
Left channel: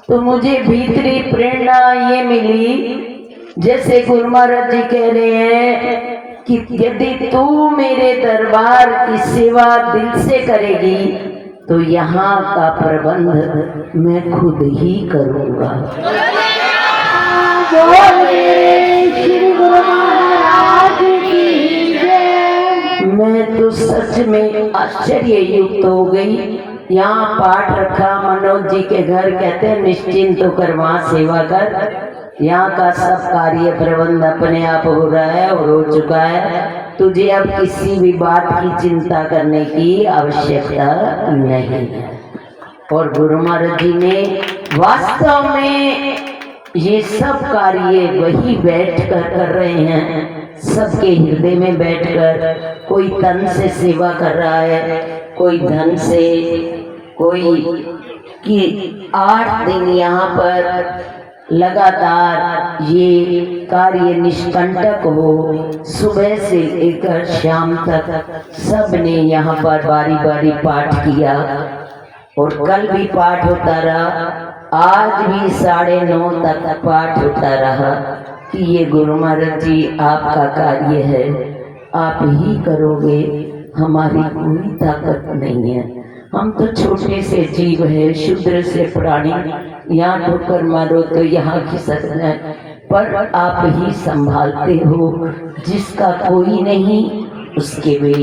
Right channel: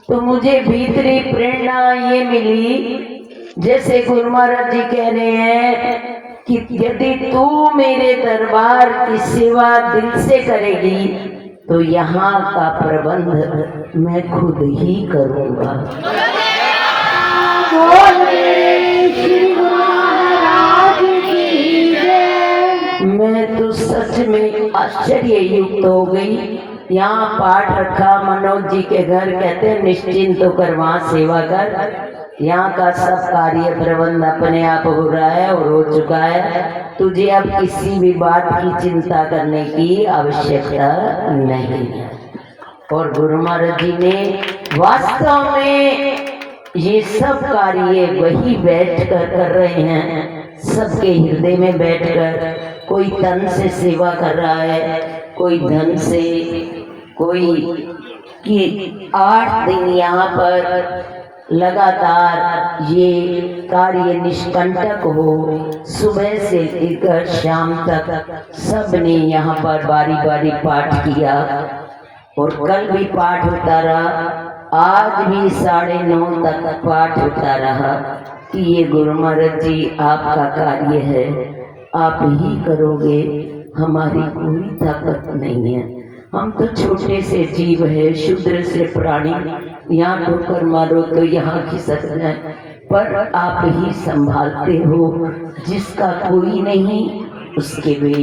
तो मुझे भीतरी प्रेरणा ये मिली, जैसे गुरु महाराज जी कह रहे हैं कि यदि तू मेरे दरबार की सेवा दिल से करेगी तो यहाँ का प्रबंध मैं खुद ही करूँगा। मैं तो सच में आश्चर्य युक्त हो गई। यहाँ पाठ रखा मनोज जी के घर, कहते हैं निश्चिंत होकर वहाँ सेवा कर। यहाँ का सब कार्य प्रबंध अपने आप हो रहा है और हो चुका है। तुझे अब किसी भी बात की चिंता करने की आवश्यकता नहीं है। और गुरु महाराज जी ने वास्तव में ये सब कार्य वही बैठकर कर रहे हैं, सबके हृदय में बैठकर। कोई तन से सेवा कर रहा है, कोई धन से, कोई कि 8 दिन यहाँ पर लगातार ये कार्य निष्कंटक हो। सुबह से लेकर शाम तक सब ने यहाँ पर बारी बारी पाठ किया और कल भी पाठ होता रहा, आज भी 9:30 तक पाठ होता रहा कि ये गुरु महाराज जी आपका कार्य है, आप ही करोगे, हमारी कोई ताकत नहीं है। हम तो छोटे से जीव है, शूद्र से प्राणी, यहाँ ठोकर मारो तो यहाँ खिसकना है, पर आप ही संभालते हो। जिसका कोई नहीं उसके वे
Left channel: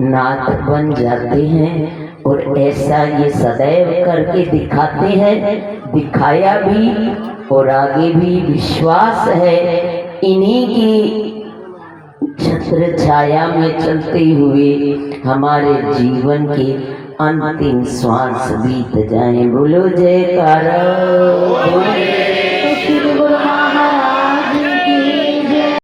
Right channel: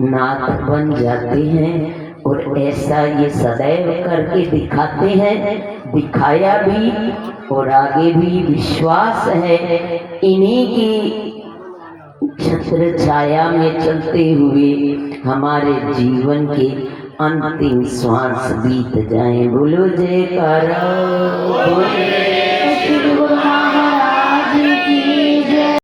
नाथ बन जाते हैं और ऐसा ये सदैव करके दिखाते हैं, दिखाया भी और आगे भी विश्वास है। इन्हीं की छत्र छाया में चलते हुए हमारे जीवन के अंतिम श्वास बीत जाएं। बोलो जयकारा।